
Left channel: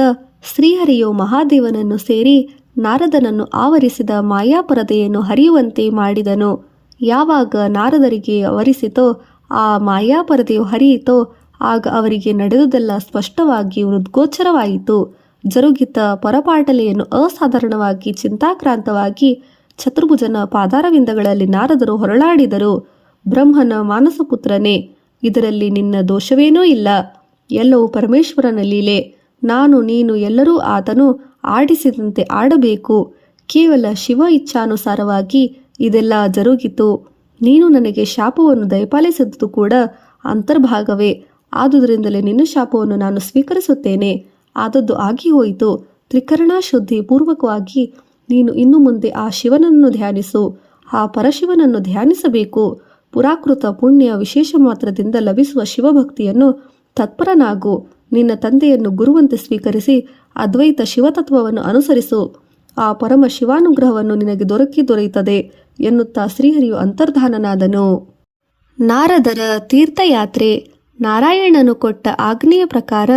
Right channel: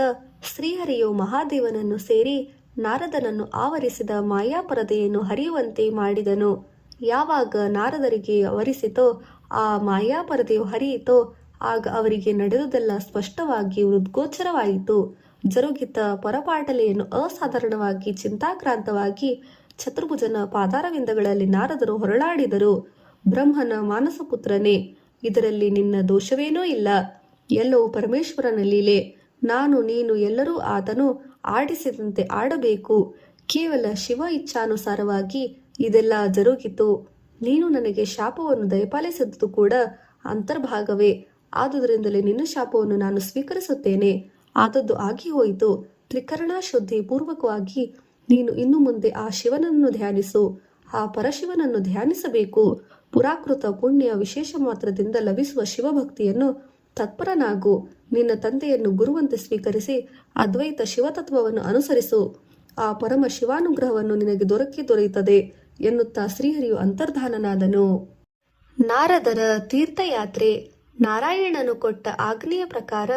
ಶ್ರೀಹರಿಯು ಮಹಾದೇವನನ್ನು ಸೇರಿ ನಾರದನನ್ನು ಆವರಿಸಿದ ಮಾಯಾಪರದೆಯನ್ನು ಹರಿಯುವಂತೆ ಮಾಡಿದನು. ಯಾವಾಗ ನಾರದರಿಗೆ ಅವರಿಸಿತೋ ಆ ಮಾಯಾಪರದೆಯು ಹರಿಯಿತೋ ಆಗ ಅವರಿಗೆ ನಡೆದುದೆಲ್ಲ ಸ್ಪಷ್ಟವಾಗಿ ಹೃದ್ಗೋಚರವಾಯಿತು. ಜರುಗಿತ ಪರಪಾಟಲೆಯನ್ನು ಅಸಾಧಾರಣವಾಗಿ ಚಿಂತಾಕ್ರಾಂತವಾಗಿ ಚತುರ್ಭುಜನ ಪಾದಾರವಿಂದಗಳಲ್ಲಿ ನಾರದರು ಹೊರಳಾಡಿದರು. ಬ್ರಹ್ಮನ ಮಾನಸಪುತ್ರನೇ, ಇದರಲ್ಲಿ ನಿನ್ನ ದೋಷವೇನೂ ಇಲ್ಲ. ಎಲ್ಲವೂ ಪರಮೇಶ್ವರನ ಲೀಲೆ. ನಾನು ನೀನು ಎಲ್ಲರೂ ಆತನು ಆಡಿಸಿದಂತೆ ಆಡಬೇಕು. ಕೇವಲ ಶಿವ ಇಚ್ಛಾನುಸಾರವಾಗಿ ಇದೆಲ್ಲ ಜರುಗಿತು. ನೀನು ನನಗೆ ಶಾಪವನ್ನು ದಯಪಾಲಿಸಿದ್ದು ಕೂಡ ಅಂತರ್ಭಾಗವೇ. ಆದುದರಿಂದಲೇ ನಿನ್ನ ಶಾಪವನ್ನು ನಾನು ಸ್ವೀಕರಿಸುತ್ತೇನೆ. ಆದದ್ದು ಆಗಿ ಹೋಯಿತು. ತ್ರಿಕರಣ ಶುದ್ಧಿ ಪೂರ್ವಕವಾಗಿ ನೀನು ಇನ್ನು ಮುಂದೆ ಆ ಶಿವನನ್ನು ಧ್ಯಾನಿಸು. ಆ ಪರಶಿವನನ್ನು ಧ್ಯಾನಿಸಬೇಕು. ಪುರಾಕೃತ ಪುಣ್ಯ ವಿಶೇಷ ಮಾತ್ರದಿಂದ ಲಭಿಸುವ ಶಿವಭಕ್ತಿಯನ್ನು ತತ್ಪರನಾಗು. ನಿನ್ನ ತಂದೆಯನ್ನು ಗುರುವಂತೆ ಸ್ವೀಕರಿಸಿ ಅದ್ವೈತ ಶಿವತತ್ವವನ್ನು ಅನುಸರಿಸು. ಆ ಪರಮ ಶಿವಾನುಗ್ರಹವನ್ನು ನಿನಗೆ ದೊರೆಯುತ್ತದೆ ಎನ್ನುತ್ತಾ ಶ್ರೀಹರಿಯು ಅಂತರ್ಧಾನನಾದನು. ನಾರದರ ತೀರ್ಥಯಾತ್ರೆ. ನಾರಾಯಣನು ಕೊಟ್ಟ ಆಜ್ಞೆಯ ಪ್ರಕಾರ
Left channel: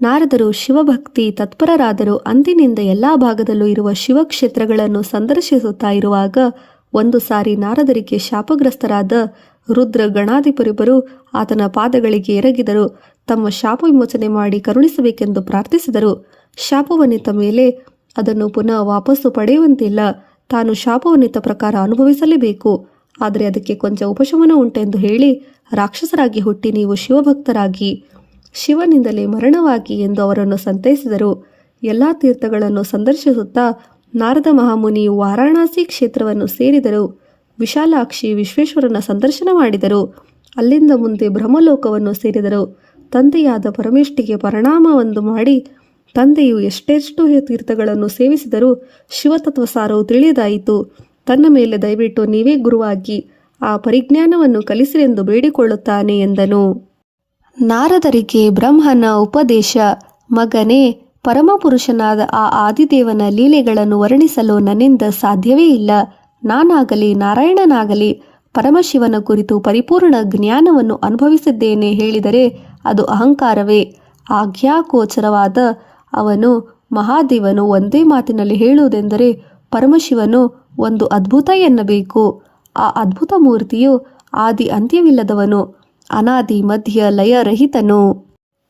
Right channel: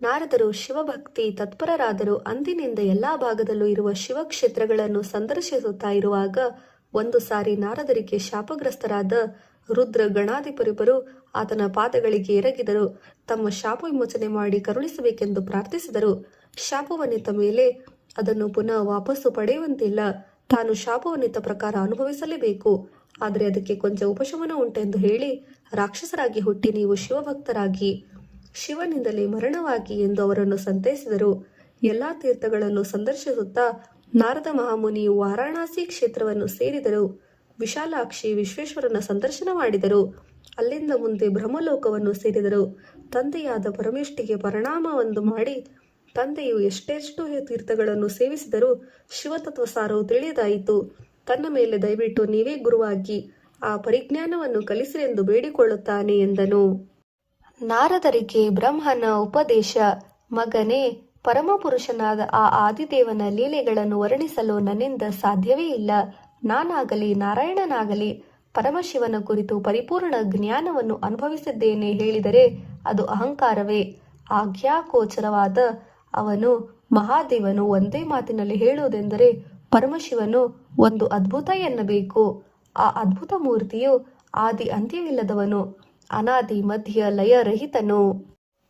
ನಾರದರು ಶಿವಭಕ್ತಿ ತತ್ಪರರಾದರು. ಅಂದಿನಿಂದ ಎಲ್ಲ ಭಾಗದಲ್ಲೂ ಇರುವ ಶಿವಕ್ಷೇತ್ರಗಳನ್ನು ಸಂದರ್ಶಿಸುತ್ತಾ ಇರುವಾಗ ಒಂದು ಸಾರಿ ನಾರದರಿಗೆ ಶಾಪಗ್ರಸ್ತರಾದ ರುದ್ರ ಗಣಾಧಿಪರಿಬ್ಬರು ಆತನ ಪಾದಗಳಿಗೆ ಎರಗಿದರು. ತಮ್ಮ ಶಾಪ ವಿಮೋಚನೆ ಮಾಡಿ ಕರುಣಿಸಬೇಕೆಂದು ಪ್ರಾರ್ಥಿಸಿದರು. ಶಾಪವನ್ನಿತ್ತ ಮೇಲೆ ಅದನ್ನು ಪುನಃ ವಾಪಸ್ಸು ಪಡೆಯುವಂತಿಲ್ಲ. ತಾನು ಶಾಪವನ್ನಿತ್ತ ಪ್ರಕಾರ ಅನುಭವಿಸಲೇಬೇಕು. ಆದರೆ ಅದಕ್ಕೆ ಕೊಂಚ ಉಪಶಮನ ಉಂಟೆಂದು ಹೇಳಿ ರಾಕ್ಷಸರಾಗಿ ಹುಟ್ಟಿ ನೀವು ಶಿವಭಕ್ತರಾಗಿ ಶಿವನಿಂದಲೇ ಮರಣವಾಗಿ ಎಂದು ಅವರನ್ನು ಸಂತೈಸಿದರು. ಎಲ್ಲ ತೀರ್ಥಗಳನ್ನು ಸಂದರ್ಶಿಸುತ್ತಾ ನಾರದ ಮಹಾಮುನಿಯು ವಾರಾಣಸಿ ಕ್ಷೇತ್ರವನ್ನು ಸೇರಿದರು. ವಿಶಾಲಾಕ್ಷಿ ವಿಶ್ವೇಶ್ವರನ ಸಂದರ್ಶನ ಮಾಡಿದರು. ಅಲ್ಲಿಂದ ಮುಂದೆ ಬ್ರಹ್ಮಲೋಕವನ್ನು ಸೇರಿದರು. ತಂದೆಯಾದ ಪರಮೇಷ್ಠಿಗೆ ಪರಿಣಾಮವೊಂದು ಮಾಡಿ ತಂದೆಯು ಎಷ್ಟೆಷ್ಟು ತೀರ್ಥಗಳನ್ನು ಸೇವಿಸಿದರೂ ಶಿವತತ್ವಸಾರವು ತಿಳಿಯದಾಯಿತು. ತನ್ನ ಮೇಲೆ ದಯವಿಟ್ಟು ನೀವೇ ಗುರುವಾಗಿ ಆ ಪರಿಜ್ಞಾನವನ್ನು ಕಲಿಸಿರೆಂದು ಬೇಡಿಕೊಳ್ಳುತ್ತಾನೆ ಎಂದನು. ನಾರದರಿಗೆ ಬ್ರಹ್ಮನ ಉಪದೇಶ. ಮಗನೇ, ಪರಮಪುರುಷನಾದ ಆ ಆದಿದೇವನ ಲೀಲೆಗಳನ್ನು ವರ್ಣಿಸಲು ನನ್ನಿಂದ ಸಾಧ್ಯವೇ ಇಲ್ಲ. ನಾನಾಗಲಿ ನಾರಾಯಣನಾಗಲಿ ಪರಮಶಿವನ ಕುರಿತು ಪರಿಪೂರ್ಣ ಜ್ಞಾನವನ್ನು ಅನುಭವಿಸಿದ್ದೇನೆ ಹೇಳಿದರೆ ಅದು ಅಹಂಕಾರವೇ. ಆಜ್ಞಾಗೋಚರವಾದ ಅವನು ಮಹಾದೇವನು ಒಂದೇ ಮಾತಿನಲ್ಲಿ ಹೇಳುವುದೆಂದರೆ ಪರಮಶಿವನು ಒಂದು ಅದ್ಭುತ ಎನ್ನಬೇಕು. ಆ ಅದ್ಭುತ ಮೂರ್ತಿಯು ಆದಿ ಅಂತ್ಯವಿಲ್ಲದವನು, ಅನಾದಿ ಮಧ್ಯ ಲಯರಹಿತನು.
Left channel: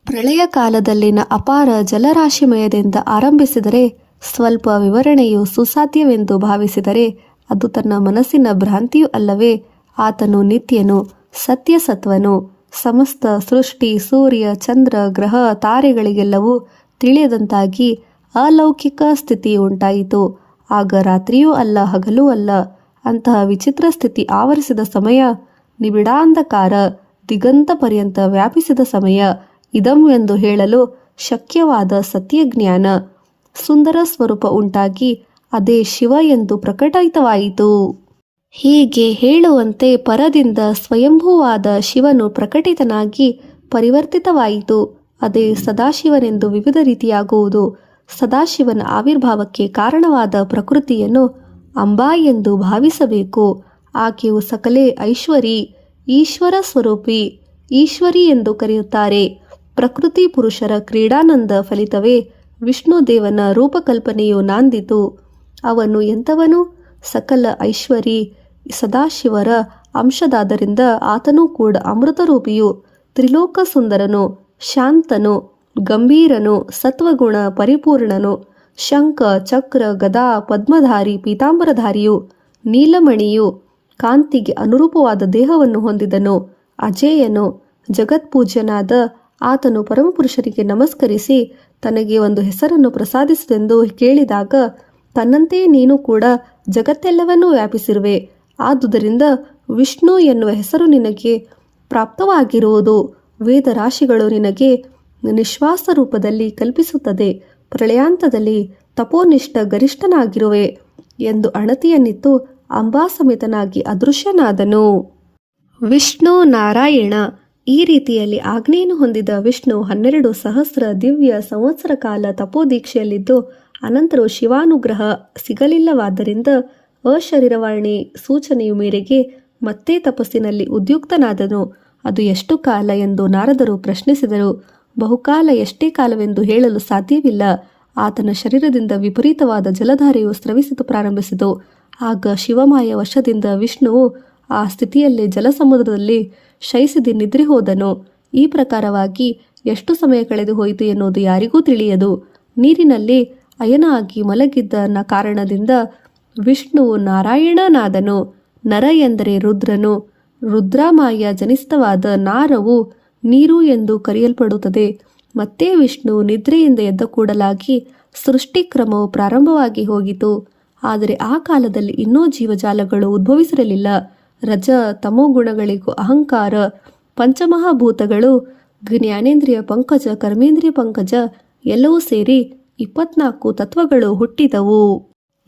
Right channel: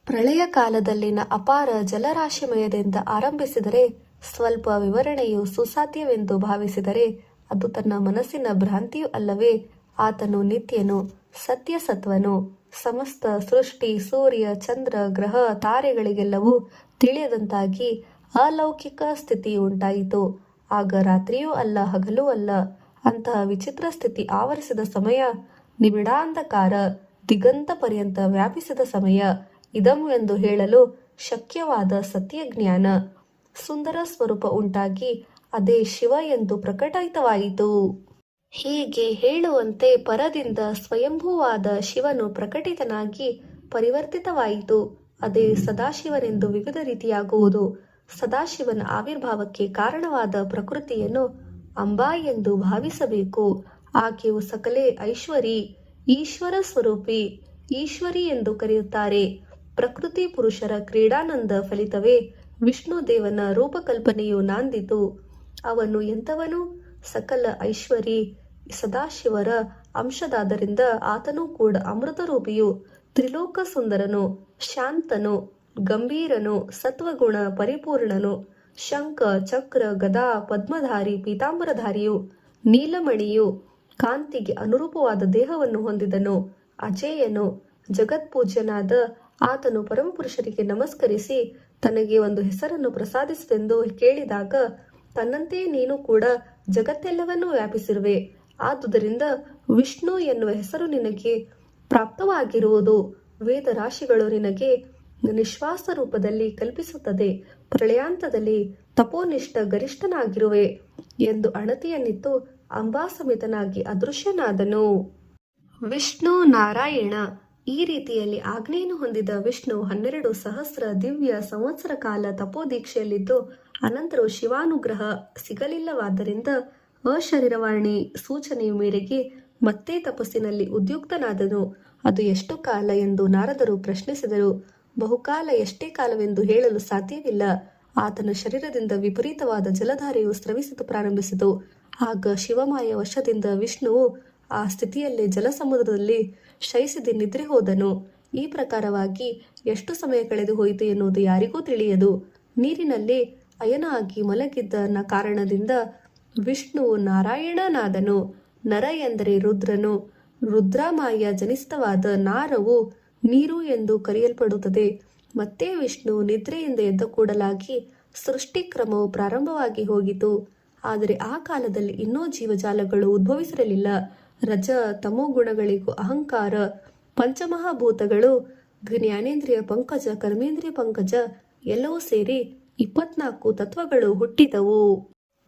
ಪ್ರಳಯ ಕಾಲದಲ್ಲಿನ ಅಪಾರ ಜಲರಾಶಿಮಯದಿಂದ ಆರಂಭಿಸಿದರೆ ಸ್ವಲ್ಪ ವಿವರಣೆಯು ಸುಸಾಧ್ಯವೆಂದು ಭಾವಿಸಿದರೆ ಅದು ತನ್ನ ಮನಸ್ಸಿನ ಭ್ರಾಂತಿಯೂ ಅಲ್ಲವೇ. ಆತನು ನಿತ್ಯನು, ಸತ್ಯಸತ್ವನು. ಸಮಸ್ತ ಸೃಷ್ಟಿ, ಸೂರ್ಯ, ಚಂದ್ರ, ಗ್ರಹ, ತಾರೆಗಳಿಗೆಲ್ಲವೂ ತಿಳಿಯದಂತಾಗಿ ಅಲೌಕಿಕ ಸ್ಥಿತಿ ಉಂಟಾಯಿತು. ಆಗ ರಾತ್ರಿಯೂ ಅಲ್ಲ, ಹಗಲೂ ಅಲ್ಲ. ಅಂತಹ ವಿಚಿತ್ರ ಸ್ಥಿತಿ ಆವರಿಸಿದ ಸಮಯ, ನಿಬಿಡಾಂಧಕಾರ ದಿಗಂತ ಪರ್ಯಂತ ವ್ಯಾಪಿಸಿದ ಸಮಯ. ಇದಂ ಎಂದು ಹೇಳಲು ಶಕ್ಯವಾದ ಸತ್ಯಜ್ಞಾನ, ಸುಂದರ ಸ್ವರೂಪ ಉಂಟಾಗಿ ಅದೇ ಶಿವ ಎಂದು ಪ್ರಕಟಿತವಾಯಿತು. ಹೀಗೆ ಹೇಳುವಂತೆ ಪರದಿಂದ ಸ್ವಯಂಭೂವಾದ ಶಿವನು ಪ್ರಕಟಿತನಾಗಿ ಪರಿವರ್ತಿತವಾಯಿತು. ಅದೇ ಸದಾಶಿವನೆಂದು ವಿವಿಧ ರೀತಿಯಾಗುವುದು. ಸದಾಶಿವನ ಆವಿರ್ಭಾವಕ್ಕೆ ಕಾರಣವಾದ ಪ್ರಕೃತಿಯನ್ನು ಅಂಬಾ ಎಂದು ಭಾವಿಸಬೇಕು. ಆಕೆಯು ಸಕಲೆ ಐಶ್ವರಿ, ಈಶ್ವರ ಸ್ವರೂಪಿ, ಈಶ್ವರಿ ಎಂದು ಕರೆಯುತ್ತಾರೆ. ಪ್ರಕೃತಿ ಪುರುಷರ ಕ್ರೀಡಾನಂದ ಫಲಿತವೇ ವಿಷ್ಣುದೇವನ ರೂಪಕಲ್ಪನೆಯು ನಾಂದಿತು. ಅವನು ಎಂಥವನು? ಸಕಲ ಐಶ್ವರಿ, ಸದಾಶಿವರ ಅಂಶದಾದ್ದರಿಂದ ಆತನೂ ಕೂಡ ಅಮೃತರೂಪಿಯು, ತ್ರಿಲೋಕ ಸುಂದರನು, ಶಾಂತನು, ಗಂಭೀರನು, ಸತ್ವಗುಣ ಪರಿಪೂರ್ಣನು, ಶಂಖ ಚಕ್ರ ಗದಾ ಪದ್ಮಧಾರಿ ಪೀತಾಂಬರಧಾರಿಯು, ನೀಲಮಣಿಯು, ಕಾಂತಿಗೆ ಅನುರೂಪವಾದ ದೇಹವನ್ನು ಹೊಂದಿದನು, ಅಜೇಯನು, ಜಗತ್ಪೂಜ್ಯನಾದ ಆತನು ಪರಮಪುರುಷರಿಗೆ ನಮಸ್ಕರಿಸಿ ತನಗೆ ಒಂದು ಹೆಸರನ್ನು ಪ್ರಸಾದಿಸಿದೆಂದು ಕೇಳಿದಾಗ, ತನ್ನಂತೆಯೇ ನೀನು ಕೂಡ ಜಗತ್ತೆಲ್ಲವನ್ನೂ ವ್ಯಾಪಿಸಿರುವೆ, ಆದುದರಿಂದ ವಿಷ್ಣು ಎನ್ನುವ ಹೆಸರು ನಿನಗೆ ಪ್ರಾಪ್ತವಾಗಿರುವುದು. ವೇದರಾಶಿಗಳು ನಿನಗೆ ನಿಶ್ವಾಸ ರೂಪದಲ್ಲಿ ಕಲ್ಪಿಸುತ್ತದೆ. ಪ್ರಳಯಾಂತದಲ್ಲಿ ತಪೋನಿಷ್ಠ ಗರಿಷ್ಠನಾಗಿರುವೆ ಎಂದು ಅಣತಿಯನ್ನಿತ್ತು ಅಂಬಾಸಮೇತನಾಗಿ ಅದೃಶ್ಯನಾದನು. ವಿಷ್ಣು ನಾರಾಯಣ ಈ ರೀತಿಯಲ್ಲಿ ಆಜ್ಞೆಯನ್ನು ಹೊಂದಿದ ವಿಷ್ಣು 12 ಸಹಸ್ರ ದಿವ್ಯ ಸಂವತ್ಸರ ಕಾಲ ತಪೋದೀಕ್ಷೆಯಲ್ಲಿದ್ದು ಅನಂತರವೂ ಶಿವಾನುಗ್ರಹ ಸಿಗಲಿಲ್ಲವಾದ್ದರಿಂದ ಅಶರೀರವಾಣಿ ಸೂಚನೆಯ ಮೇರೆಗೆ ಮತ್ತೆ ತಪಸ್ಸಿನಲ್ಲಿ ಉದ್ಯುಕ್ತನಾದನು. ಅದು ಎಷ್ಟು ಕಾಲ ಎಂದು ನಾರದರು ಪ್ರಶ್ನಿಸಿದರು. ಬಹುಕಾಲ, ಎಷ್ಟೇ ಕಾಲವೆಂದು ಹೇಳಲು ಸಾಧ್ಯವಿಲ್ಲ. ಆತನ ಶರೀರದಿಂದ ವಿಪರೀತವಾದ ಜಲಧಾರೆಯು ಸ್ರವಿಸಲು ಪ್ರಾರಂಭಿಸಿತು. ಆಗ ಶಿವಮಾಯ ವಶದಿಂದ ವಿಷ್ಣುವು ಆ ಸ್ಥಿತಿಯಲ್ಲೇ ಜಲಸಮುದ್ರದಲ್ಲಿ ಶಯಿಸಿದಿ ನಿದ್ರೆ ಹೋದನು. ಈ ಪ್ರಕಾರವಾಗಿ ಎಷ್ಟು ಸಮಯ ಕಳೆದು ಹೋಯಿತು ಎನ್ನುವುದು ಯಾರಿಗೂ ತಿಳಿಯದು. ನೀರಿನಲ್ಲಿ ಅಯನ ಆಗಿ ಮಲಗಿದ್ದ ಕಾರಣದಿಂದ ವಿಷ್ಣುವು ನಾರಾಯಣನಾದನು. ನರ ಎಂದರೆ ರುದ್ರನು. ರುದ್ರಮಾಯ ಜನಿಸಿತವಾದ ನಾರವು ನೀರು ಎಂದು ಕರೆಯಲ್ಪಡುತ್ತದೆ. ಮತ್ತೆ ವಿಷ್ಣು ನಿದ್ರೆಯಿಂದ ಎದ್ದ ಕೂಡಲಾಗಿ ಸೃಷ್ಟಿಕ್ರಮವು ಪ್ರಾರಂಭವಾಗಿ ಹೋಗಿತು. ಆದರೆ ಆ ಕಾಲದಲ್ಲಿ ಇನ್ನೂ ಜೀವಜಾಲಗಳು ಉದ್ಭವಿಸಿರಲಿಲ್ಲ. ರಜ ತಮೋ ಗುಣಗಳಿಗೂ ಅಹಂಕಾರ, ಪಂಚಮಹಾಭೂತಗಳು, ಜ್ಞಾನೇಂದ್ರಿಯ ಪಂಕಜ, ಕರ್ಮೇಂದ್ರಿಯ ಪಂಕಜ ಎಲ್ಲವೂ ಸೇರಿ 24 ತತ್ವಗಳು ಹುಟ್ಟಿದವು.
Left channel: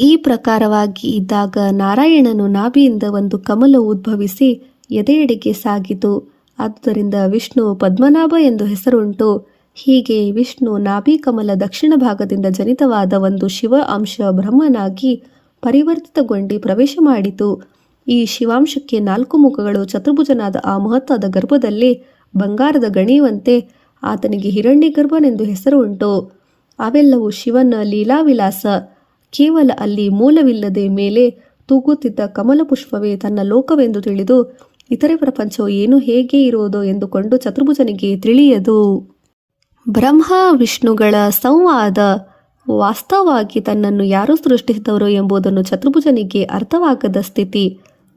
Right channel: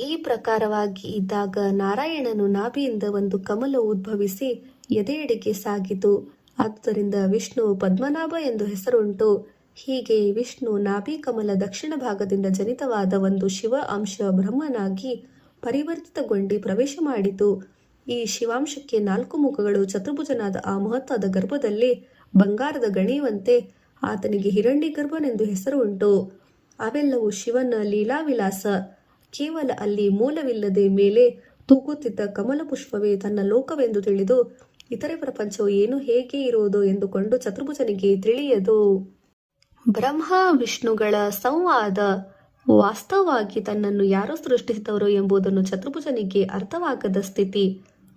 ಈ ಪ್ರಕಾರವಾಗಿ ಇದ್ದಾಗ ನಾರಾಯಣನು ನಾಭಿಯಿಂದ ಒಂದು ಕಮಲವು ಉದ್ಭವಿಸಿ ಎದೆಯೆಡೆಗೆ ಸಾಗಿತು. ಆದ್ದರಿಂದ ವಿಷ್ಣು ಪದ್ಮನಾಭ ಎಂದು ಹೆಸರುಂಟು. ಹೀಗೆ ವಿಷ್ಣು ನಾಭಿ ಕಮಲ ದಕ್ಷಿಣ ಭಾಗದಿಂದ ಜನಿತವಾದ ಒಂದು ಶಿವ ಅಂಶ ಬ್ರಹ್ಮನಾಗಿ ಪರಿವರ್ತಿತಗೊಂಡು ಪ್ರವೇಶ ಮಾಡಿತು. ಈ ಶಿವಾಂಶಕ್ಕೆ 4 ಮುಖಗಳು. ಚತುರ್ಭುಜನಾದ ಆ ಮಹತ್ತಾದ ಗರ್ಭದಲ್ಲಿ ಬಂಗಾರದ ಗಣಿಯುವಂತೆ ಆತನಿಗೆ ಹಿರಣ್ಯಗರ್ಭನೆಂದು ಹೆಸರು ಉಂಟು. ಅವೆಲ್ಲವೂ ಶಿವನ ಲೀಲಾವಿಲಾಸ. ಕೇವಲ ಅಲ್ಲಿ ಮೂಲವಿಲ್ಲದೆ ಮೇಲೆ ತೂಗುತ್ತಿದ್ದ ಕಮಲ ಪುಷ್ಪವೇ ತನ್ನ ಲೋಕವೆಂದು ತಿಳಿದು ಇತರೆ ಪ್ರಪಂಚವು ಏನು ಹೇಗೆ ಇರುವುದೋ ಎಂದುಕೊಂಡು ಚತುರ್ಭುಜನಿಗೆ ತಿಳಿಯದು. ಬ್ರಹ್ಮ ವಿಷ್ಣುಗಳ ಸಂವಾದ ವಾಸ್ತವವಾಗಿ ತನ್ನನ್ನು ಯಾರು ಸೃಷ್ಟಿಸಿದವರು ಎಂಬುದನ್ನು ಚತುರ್ಭುಜನಿಗೆ ಅರ್ಥವಾಗದ ಸ್ಥಿತಿ.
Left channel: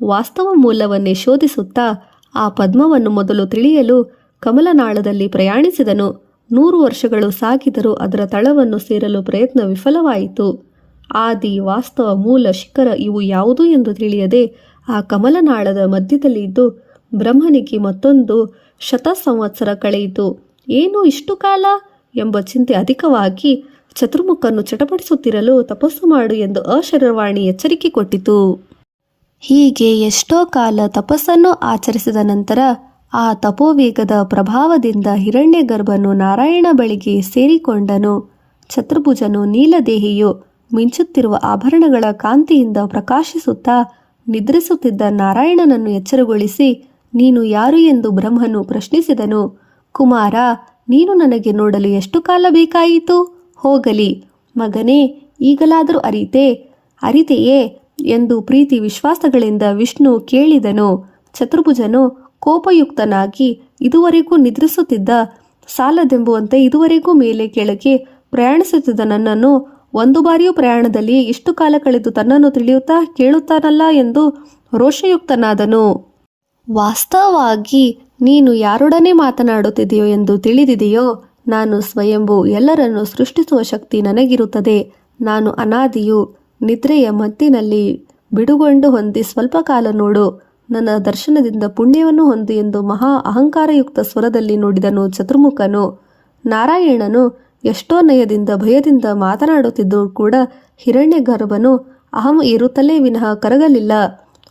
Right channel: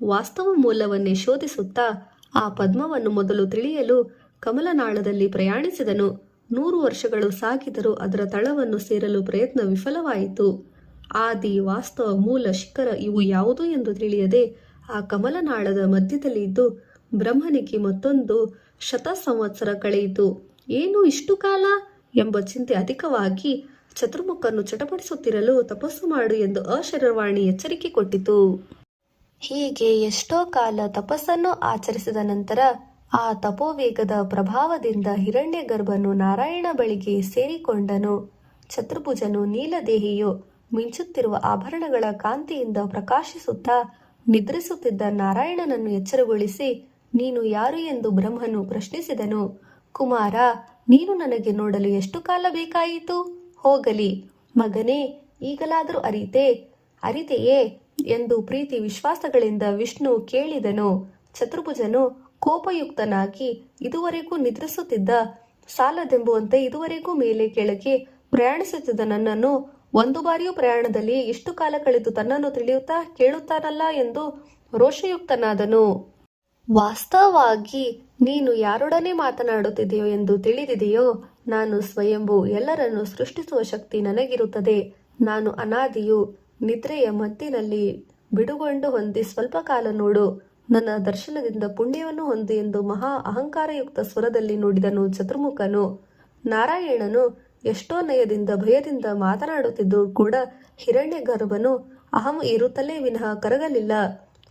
ವಾಸ್ತವ ಮೂಲವನ್ನೇ ಶೋಧಿಸುತ್ತಾ ಆ ಪದ್ಮವನ್ನು ಮೊದಲು ತಿಳಿಯಲು ಕಮಲನಾಳದಲ್ಲಿ ಪ್ರಯಾಣಿಸಿದನು. 100 ವರ್ಷಗಳು ಸಾಗಿದರೂ ಅದರ ತಳವನ್ನು ಸೇರಲು ಪ್ರಯತ್ನ ವಿಫಲವಾಯಿತು. ಆದಿ, ವಾಸ್ತವ, ಮೂಲ, ಶಿಖರ ಇವು ಯಾವುದು ಎಂದು ತಿಳಿಯದೆ ಆ ಕಮಲನಾಳದ ಮಧ್ಯದಲ್ಲಿ ಇದ್ದು ಬ್ರಹ್ಮನಿಗೆ ಮತ್ತೊಂದು 100 ಸಂವತ್ಸರ ಕಳೆಯಿತು. ಏನು ಇಷ್ಟು ಕಾಲ ಎಂಬ ಚಿಂತೆ ಅಧಿಕವಾಗಿ ಚತುರ್ಮುಖನ್ನು ಚಟಪಡಿಸುತ್ತಿರಲು ತಪಸ್ಸು ಮಾಡು ಎಂದು ಅಶರೀರವಾಣಿ ಎಚ್ಚರಿಕೆ ಕೊಟ್ಟಿತು. ಹೀಗೆ ಎಷ್ಟೋ ಕಾಲ ತಪಸ್ಸನ್ನು ಆಚರಿಸಿದ ನಂತರ ಆ ತಪೋವೇಗದ ಪ್ರಭಾವದಿಂದ ಹಿರಣ್ಯಗರ್ಭನು ನಾರಾಯಣ ಬಳಿಗೆ ಸೇರಿಕೊಂಡನು. ಚತುರ್ಭುಜನು ನೀಲದೇಹಿಯು ಮಿಂಚುತ್ತಿರುವ ಆಭರಣಗಳ ಕಾಂತಿಯಿಂದ ಪ್ರಕಾಶಿಸುತ್ತಾ ನಿದ್ರಿಸುತ್ತಿದ್ದ ನಾರಾಯಣನನ್ನು ಎಚ್ಚರಗೊಳಿಸಿ, ನೀನು ಯಾರು ಎಂದು ಬ್ರಹ್ಮನು ಪ್ರಶ್ನಿಸಿದನು. ಕುಮಾರ, ನೀನು ನನಗೆ ನೋಡಲು ಎಷ್ಟು ಕಾಲ ಬೇಕಾಯಿತು? ಹೋಗಲಿ ಮಗನೇ, ಈಗಲಾದರೂ ಅರಿತೆಯೇ ಎಂದು ಪ್ರೀತಿ ವಿಶ್ವಾಸಗಳಿಂದ ವಿಷ್ಣು ಕೇಳಿದನು. ಚತುರ್ಭುಜನು ಕೋಪಯುಕ್ತನಾಗಿ, ಇದುವರೆಗೂ ನಿದ್ರಿಸುತ್ತಿದ್ದ, ಸಾಲದೆಂಬುವಂತೆ ಇದುವರೆಗೂ ಮೇಲೆ ಕೆಳಗೆ ಪ್ರಯಾಣಿಸುತ್ತಿದ್ದ ನನ್ನನ್ನು ಒಂದು ಬಾರಿಯೂ ಪ್ರಯಾಣದಲ್ಲಿ ಇಷ್ಟು ಕಾಲ ಕಳೆದು ತನ್ನನ್ನು ತಿಳಿಯುತ್ತಾ ಕೇಳುತ್ತಾನಲ್ಲ ಎಂದು ರೋಷಯುಕ್ತನಾದನು. ವಾಸ್ತವವಾಗಿ ನೀನು ಯಾರೊಡನೆ ಮಾತನಾಡುತ್ತಿದೆಯೋ ಎಂದು ತಿಳಿದಿದೆಯೋ? ನಾನು ಸ್ವಯಂಭೂ, ಎಲ್ಲರನ್ನು ಸೃಷ್ಟಿಸುವ ಶಕ್ತಿ ನನಗಿರುತ್ತದೆ. ನಾನು ಅನಾದಿಯು, ನಿದ್ರೆಯ ಮತ್ತಿನಲ್ಲಿ ಬಿಡುಗೊಂಡು ಹೊಂದಿ ಸ್ವಲ್ಪ ಕಾಲ ನೋಡು, ನನ್ನ ದರ್ಶನದಿಂದ ಪುಣ್ಯವನ್ನು ಹೊಂದು ಎಂದು ಮಹಾ ಅಹಂಕಾರಯುಕ್ತ ಸ್ವರದಲ್ಲಿ ನುಡಿದನು ಚತುರ್ಮುಖನು. ನಾರಾಯಣನು ಎಷ್ಟೋ ನಯದಿಂದ ಭಯದಿಂದ ಮಾತನಾಡುತ್ತಿದ್ದರೂ ಕೂಡ ಹಿರಣ್ಯಗರ್ಭನು ಅಹಂ ಏರುತ್ತಲೇ ವಿನಃ ಕರಗಲಿಲ್ಲ.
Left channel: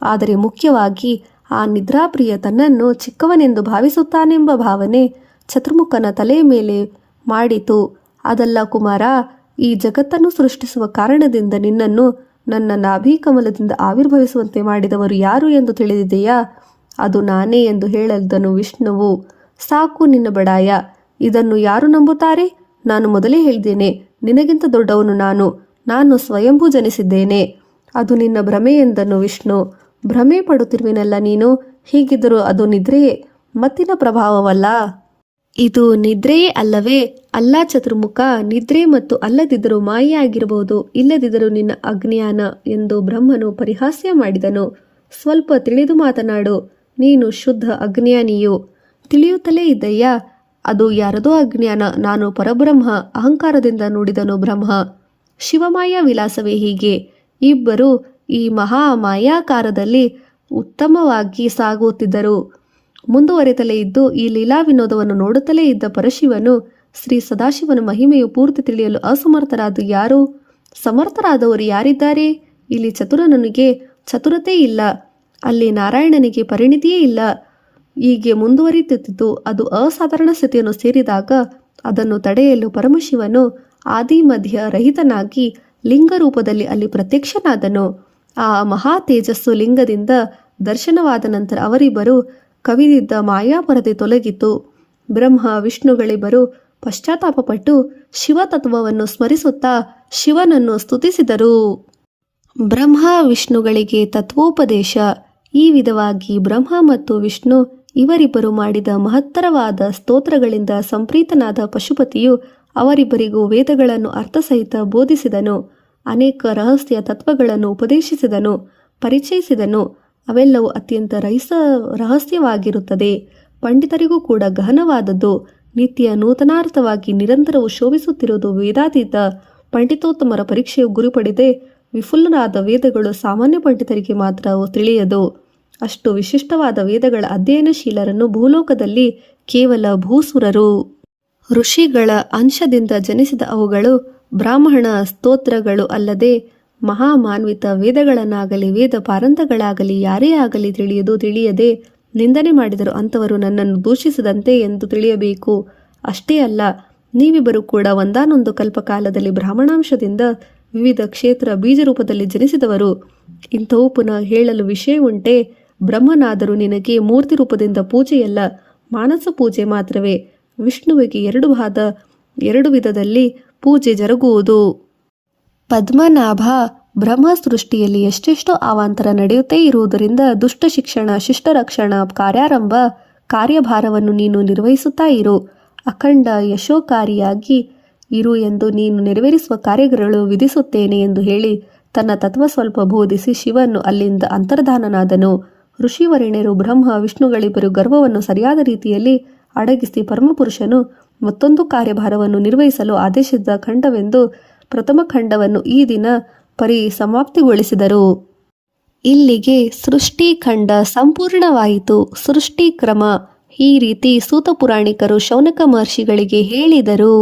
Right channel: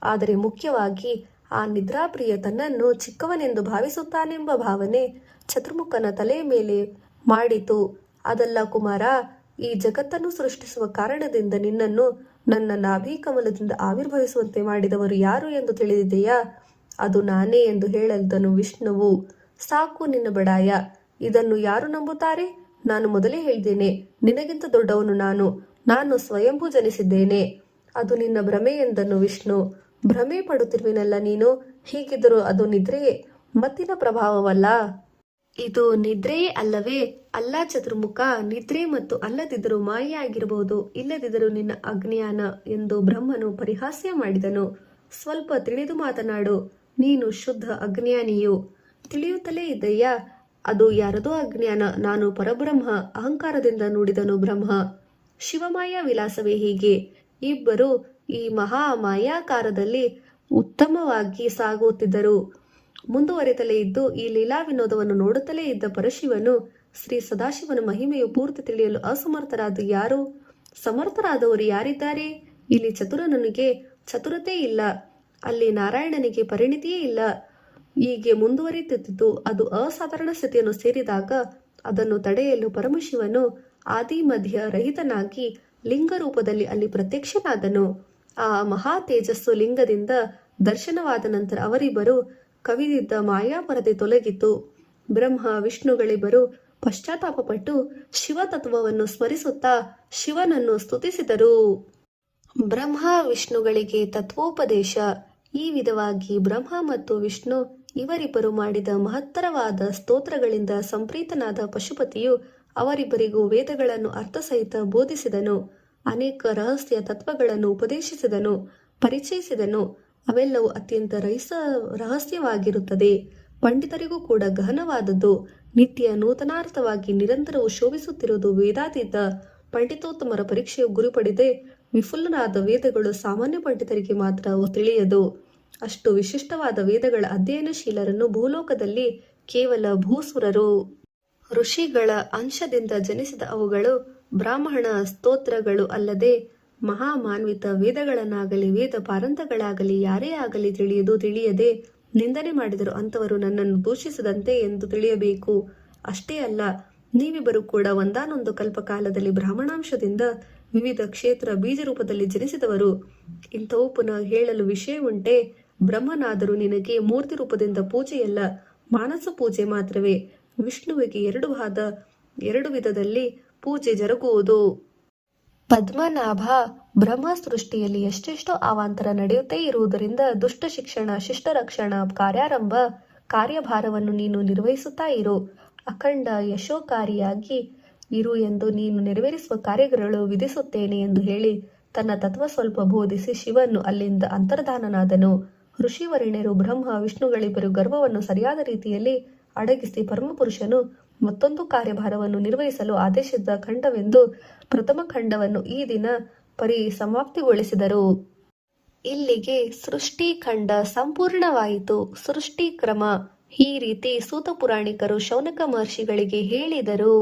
ಆದರೆ ಮುಖ್ಯವಾಗಿ ಆ ನಿದ್ರಾಪ್ರಿಯ ತನ್ನನ್ನು ಚಿಕ್ಕವನೆಂದು ಭಾವಿಸುತ್ತಾನೆಂಬ ಭಾವನೆ ಚತುರ್ಮುಖನ ತಲೆಯ ಮೇಲೆ ಮಾಡಿತು. ಅದಲ್ಲ ಕುಮಾರ, ಈ ಜಗತ್ತನ್ನು ಸೃಷ್ಟಿಸುವ ಕಾರಣದಿಂದ ನಿನ್ನನ್ನು ನನ್ನ ನಾಭೀಕಮಲದಿಂದ ಆವಿರ್ಭವಿಸುವಂತೆ ಮಾಡಿದವರು ಯಾರು ಎಂದು ತಿಳಿದಿದೆಯಾ? ಅದು ನಾನೇ ಎಂದು ಹೇಳಿದನು ವಿಷ್ಣುವು. ಸಾಕು ನಿನ್ನ ಬಡಾಯ, ಇದನ್ನು ಯಾರು ನಂಬುತ್ತಾರೆ? ನಾನು ಮೊದಲೇ ಹೇಳಿದ್ದೇನೆ, ನಿನಗಿಂತ ದೊಡ್ಡವನು ನಾನು ಸ್ವಯಂಭೂ ಜನಿಸಿದ್ದೇನೆ. ಅದು ನಿನ್ನ ಭ್ರಮೆ ಎಂದನು ವಿಷ್ಣು. ಭ್ರಮೆ ಪಡುತ್ತಿರುವಿನಲ್ಲ ನೀನು. ಹೀಗಿದ್ದರೂ ಅದು ನಿದ್ರೆಯೇ, ಮತ್ತಿನ ಪ್ರಭಾವವಲ್ಲ. ಇದು ನಿದ್ರೆಯೇ ಅಲ್ಲವೇ? ಅಲ್ಲ ಚತುರ್ಮುಖ, ನಿದ್ರೆ ಮತ್ತು ಅಲ್ಲದಿದ್ದರೂ ಮಾಯೆಯಾಗಿರಬಹುದು, ಇಲ್ಲದಿದ್ದರೂ ನಿನ್ನ ಅಜ್ಞಾನ ಎಂದು ಬ್ರಹ್ಮನು ಪರಿಹಾಸ್ಯ ಮಾಡಿದನು. ಸ್ವಲ್ಪ ತಿಳಿದು ಮಾತನಾಡು, ನೀನು ಶುದ್ಧ ಅಜ್ಞಾನಿಯು. ತಿಳಿಯುತ್ತಲೇ ಇದ್ದಯ್ಯ, ಅದು ಯಾರದೋ ಅಜ್ಞಾನ. ನಾನು ಪರಬ್ರಹ್ಮ, ಅಹಂಕಾರದಿಂದ ನುಡಿದನು ಬ್ರಹ್ಮ. ಶಿವಮಾಯ ವಿಲಾಸವೇ ಹೀಗೆ. ಇಬ್ಬರು ಈ ಮಹಾ ಮಾಯಾಕಾರದಲ್ಲಿ ಉತ್ತಮವಾಗಿ ಸಾಗುತ್ತಿದ್ದರು. ಮುಂದುವರೆತಲೇ ಇದ್ದು ಈ ಲೀಲಾ ವಿನೋದವನ್ನು ನೋಡುತ್ತಲೇ ಇದ್ದ ಪರಶಿವನು ಶ್ರೀ ಸದಾಶಿವನ ಮಹಿಮೆಯು ಪೂರ್ತಿ ತಿಳಿಯಲು ಅಸಮರ್ಥರಾದ ಯಾರು? ಸಮರ್ಥರಾದವರು ಯಾರಿದ್ದಾರೆ? ಇಲ್ಲಿ ಚತುರನಿಗೆ ಚತುರತೆ ಇಲ್ಲ, ಅಲ್ಲಿ ನಾರಾಯಣನಿಗೆ ಪರಿಣಿತಿಯೇ ಇಲ್ಲ. ಹೀಗೆ ಮುಂದುವರಿಯುತ್ತಿದ್ದು ಅದು ಅಸಾಧಾರಣ ಸ್ಥಿತಿಯನ್ನು ಸೇರಿದಾಗ ಅದನ್ನು ತಡೆಯಲು ಪರಮಶಿವನು ಆದಿ ಮಧ್ಯ ರಹಿತನಾಗಿ ಲಿಂಗ ರೂಪದಲ್ಲಿ ಅಲ್ಲಿ ಪ್ರತ್ಯಕ್ಷನಾದನು. ಆ ಮಹಾ ತೇಜಸ್ಸು ಲಿಂಗದಿಂದ ದರ್ಶನವಾದ ನಂತರ ಅವರಿಬ್ಬರು ಕವಿದಿದ್ದ ಮಾಯಾಪರದೆ ತೊಲಗಿತು. ಬ್ರಹ್ಮ ವಿಷ್ಣುಗಳಿಬ್ಬರು ಪಶ್ಚಾತ್ತಾಪಪಟ್ಟು ಶಿವತತ್ವವನ್ನು ಸ್ಮರಿಸುತ್ತಾ ಶಿವನನ್ನು ಸ್ತುತಿಸಿದರು. ಬ್ರಹ್ಮ ವಿಷ್ಣುಗಳಿಗೆ ತತ್ವೋಪದೇಶ. ಈ ವಿಧವಾಗಿ ಬ್ರಹ್ಮ ಮತ್ತು ವಿಷ್ಣು ಇವರಿಬ್ಬರು ಮಾಡಿದ ಮಹತ್ತರವಾದ ಸ್ತೋತ್ರಗಳಿಂದ ಸಂಪ್ರೀತನಾದ ಪಶುಪತಿಯು ಅವರಿಬ್ಬರಿಗೂ ವೇದಗಳನ್ನು ಅರ್ಥಸಹಿತ ಬೋಧಿಸಿದನು. ಅನೇಕ ರಹಸ್ಯ ತತ್ವಗಳನ್ನು ಉಪದೇಶಿಸಿದನು, ಪರಿಚಯಿಸಿದನು. ಅವೆಲ್ಲವೂ ಅತ್ಯಂತ ರಹಸ್ಯವಾಗಿರುತ್ತದೆ, ಪಂಡಿತರಿಗೂ ಕೂಡ ಗಹನವಾದದ್ದು. ನಿತ್ಯ ನೂತನಾರ್ಥವಾಗಿ ನಿರಂತರವು ಶೋಭಿಸುತ್ತಿರುವುದು ವೇದಾತೀತ ಪಂಡಿತೋತ್ತಮರ ಪರೀಕ್ಷೆಯು ಗುರಿಪಡಿದೆ. ವಿಫುಲರಾದ ವೇದಗಳು ಸಾಮಾನ್ಯ ಪಂಡಿತರಿಗೆ ಮಾತ್ರ ತಿಳಿಯದು. ಅಷ್ಟು ವಿಶಿಷ್ಟವಾದ ವೇದಗಳ ಅಧ್ಯಯನಶೀಲರನ್ನು ಭೂಲೋಕದಲ್ಲಿ ಕೇವಲ ಭೂಸುರರು, ಋಷಿಗಳ ಅಂಶದಿಂದ ಜನಿಸಿದ ಅವುಗಳು ಬ್ರಾಹ್ಮಣ ಸ್ತೋತ್ರಗಳು ಅಲ್ಲದೆ ಮಹಾಮಾನ್ವಿತ ವೇದಗಳನ್ನಾಗಲಿ ವೇದ ಪಾರಂತಗಳಾಗಲಿ ಯಾರೇ ಆಗಲಿ ತಿಳಿಯದೆ ನಿಂದನೆ ಮಾಡಿದರು ಅಂಥವರು ನನ್ನನ್ನು ದೂಷಿಸದಂತೆ ಎಂದು ತಿಳಿಯಬೇಕು. ಅಷ್ಟೇ ಅಲ್ಲ, ನೀವಿಬ್ಬರು ಕೂಡ ಒಂದಾನೊಂದು ಕಲ್ಪಕಾಲದಲ್ಲಿ ಬ್ರಾಹ್ಮಣಾಂಶದಿಂದ ವಿವಿಧ ಕ್ಷೇತ್ರ ಬೀಜರೂಪದಲ್ಲಿ ಜನಿಸಿದವರು. ಇಂಥವು ಪುನಃ ಹೇಳಲು ವಿಷಯವುಂಟೆ? ಬ್ರಹ್ಮನಾದರೂ ನಿನಗೆ ಮೂರ್ತಿ ರೂಪದಿಂದ ಪೂಜೆಯಲ್ಲ, ಮಾನಸ ಪೂಜೆ ಮಾತ್ರವೇ. ವಿಷ್ಣುವಿಗೆ ಎರಡು ವಿಧದಲ್ಲಿ ಪೂಜೆ ಜರುಗುವುದು. ಪದ್ಮನಾಭ, ಬ್ರಹ್ಮ ಸೃಷ್ಟಿಯಲ್ಲಿ ಎಷ್ಟೆಷ್ಟೋ ಅವಾಂತರ ನಡೆಯುತ್ತೇ ಇರುವುದರಿಂದ ದುಷ್ಟ ಶಿಕ್ಷಣ, ಶಿಷ್ಟ ರಕ್ಷಣ, ಕಾರ್ಯಾರಂಭ ಕಾರ್ಯಭಾರವನ್ನು ನೀನು ನಿರ್ವಹಿಸುತ್ತಾ ಇರು. ಅಖಂಡ ಯಶೋಕಾರಿಯಾಗಿ ಇರು ಎಂದು ನೀನು ನೆರವೇರಿಸುವ ಕಾರ್ಯಗಳು ವಿಧಿಸುತ್ತೇನೆ ಎಂದು ಹೇಳಿ ತನ್ನ ತತ್ವ ಸ್ವಲ್ಪ ಬೋಧಿಸಿ ಶಿವನು ಅಲ್ಲಿಂದ ಅಂತರ್ಧಾನನಾದನು. ಋಷಿವರ್ಣ್ಯರು ಬ್ರಹ್ಮ ವಿಷ್ಣುಗಳಿಬ್ಬರು ಗರ್ವವನ್ನು ಸರಿಯಾದ ರೀತಿಯಲ್ಲಿ ಅಡಗಿಸಿ ಪರಮಪುರುಷನು ಮತ್ತೊಂದು ಕಾರ್ಯಭಾರವನ್ನು ನಿರ್ವಹಿಸಲು ಆದೇಶಿಸಿದ ಖಂಡವೆಂದು ಪ್ರಥಮ ಖಂಡವನ್ನು ಈ ದಿನ ಸಮಾಪ್ತಿಗೊಳಿಸಿದರು. ಇಲ್ಲಿಗೆ ಸೃಷ್ಟಿಖಂಡ ಸಂಪೂರ್ಣವಾಯಿತು. ಸೃಷ್ಟಿ ಕ್ರಮ ಈ ರೀತಿ ಸೂತ ಪುರಾಣಿಕರು ಶೌನಕ ಮಹರ್ಷಿಗಳಿಗೆ ಹೇಳಿದರು.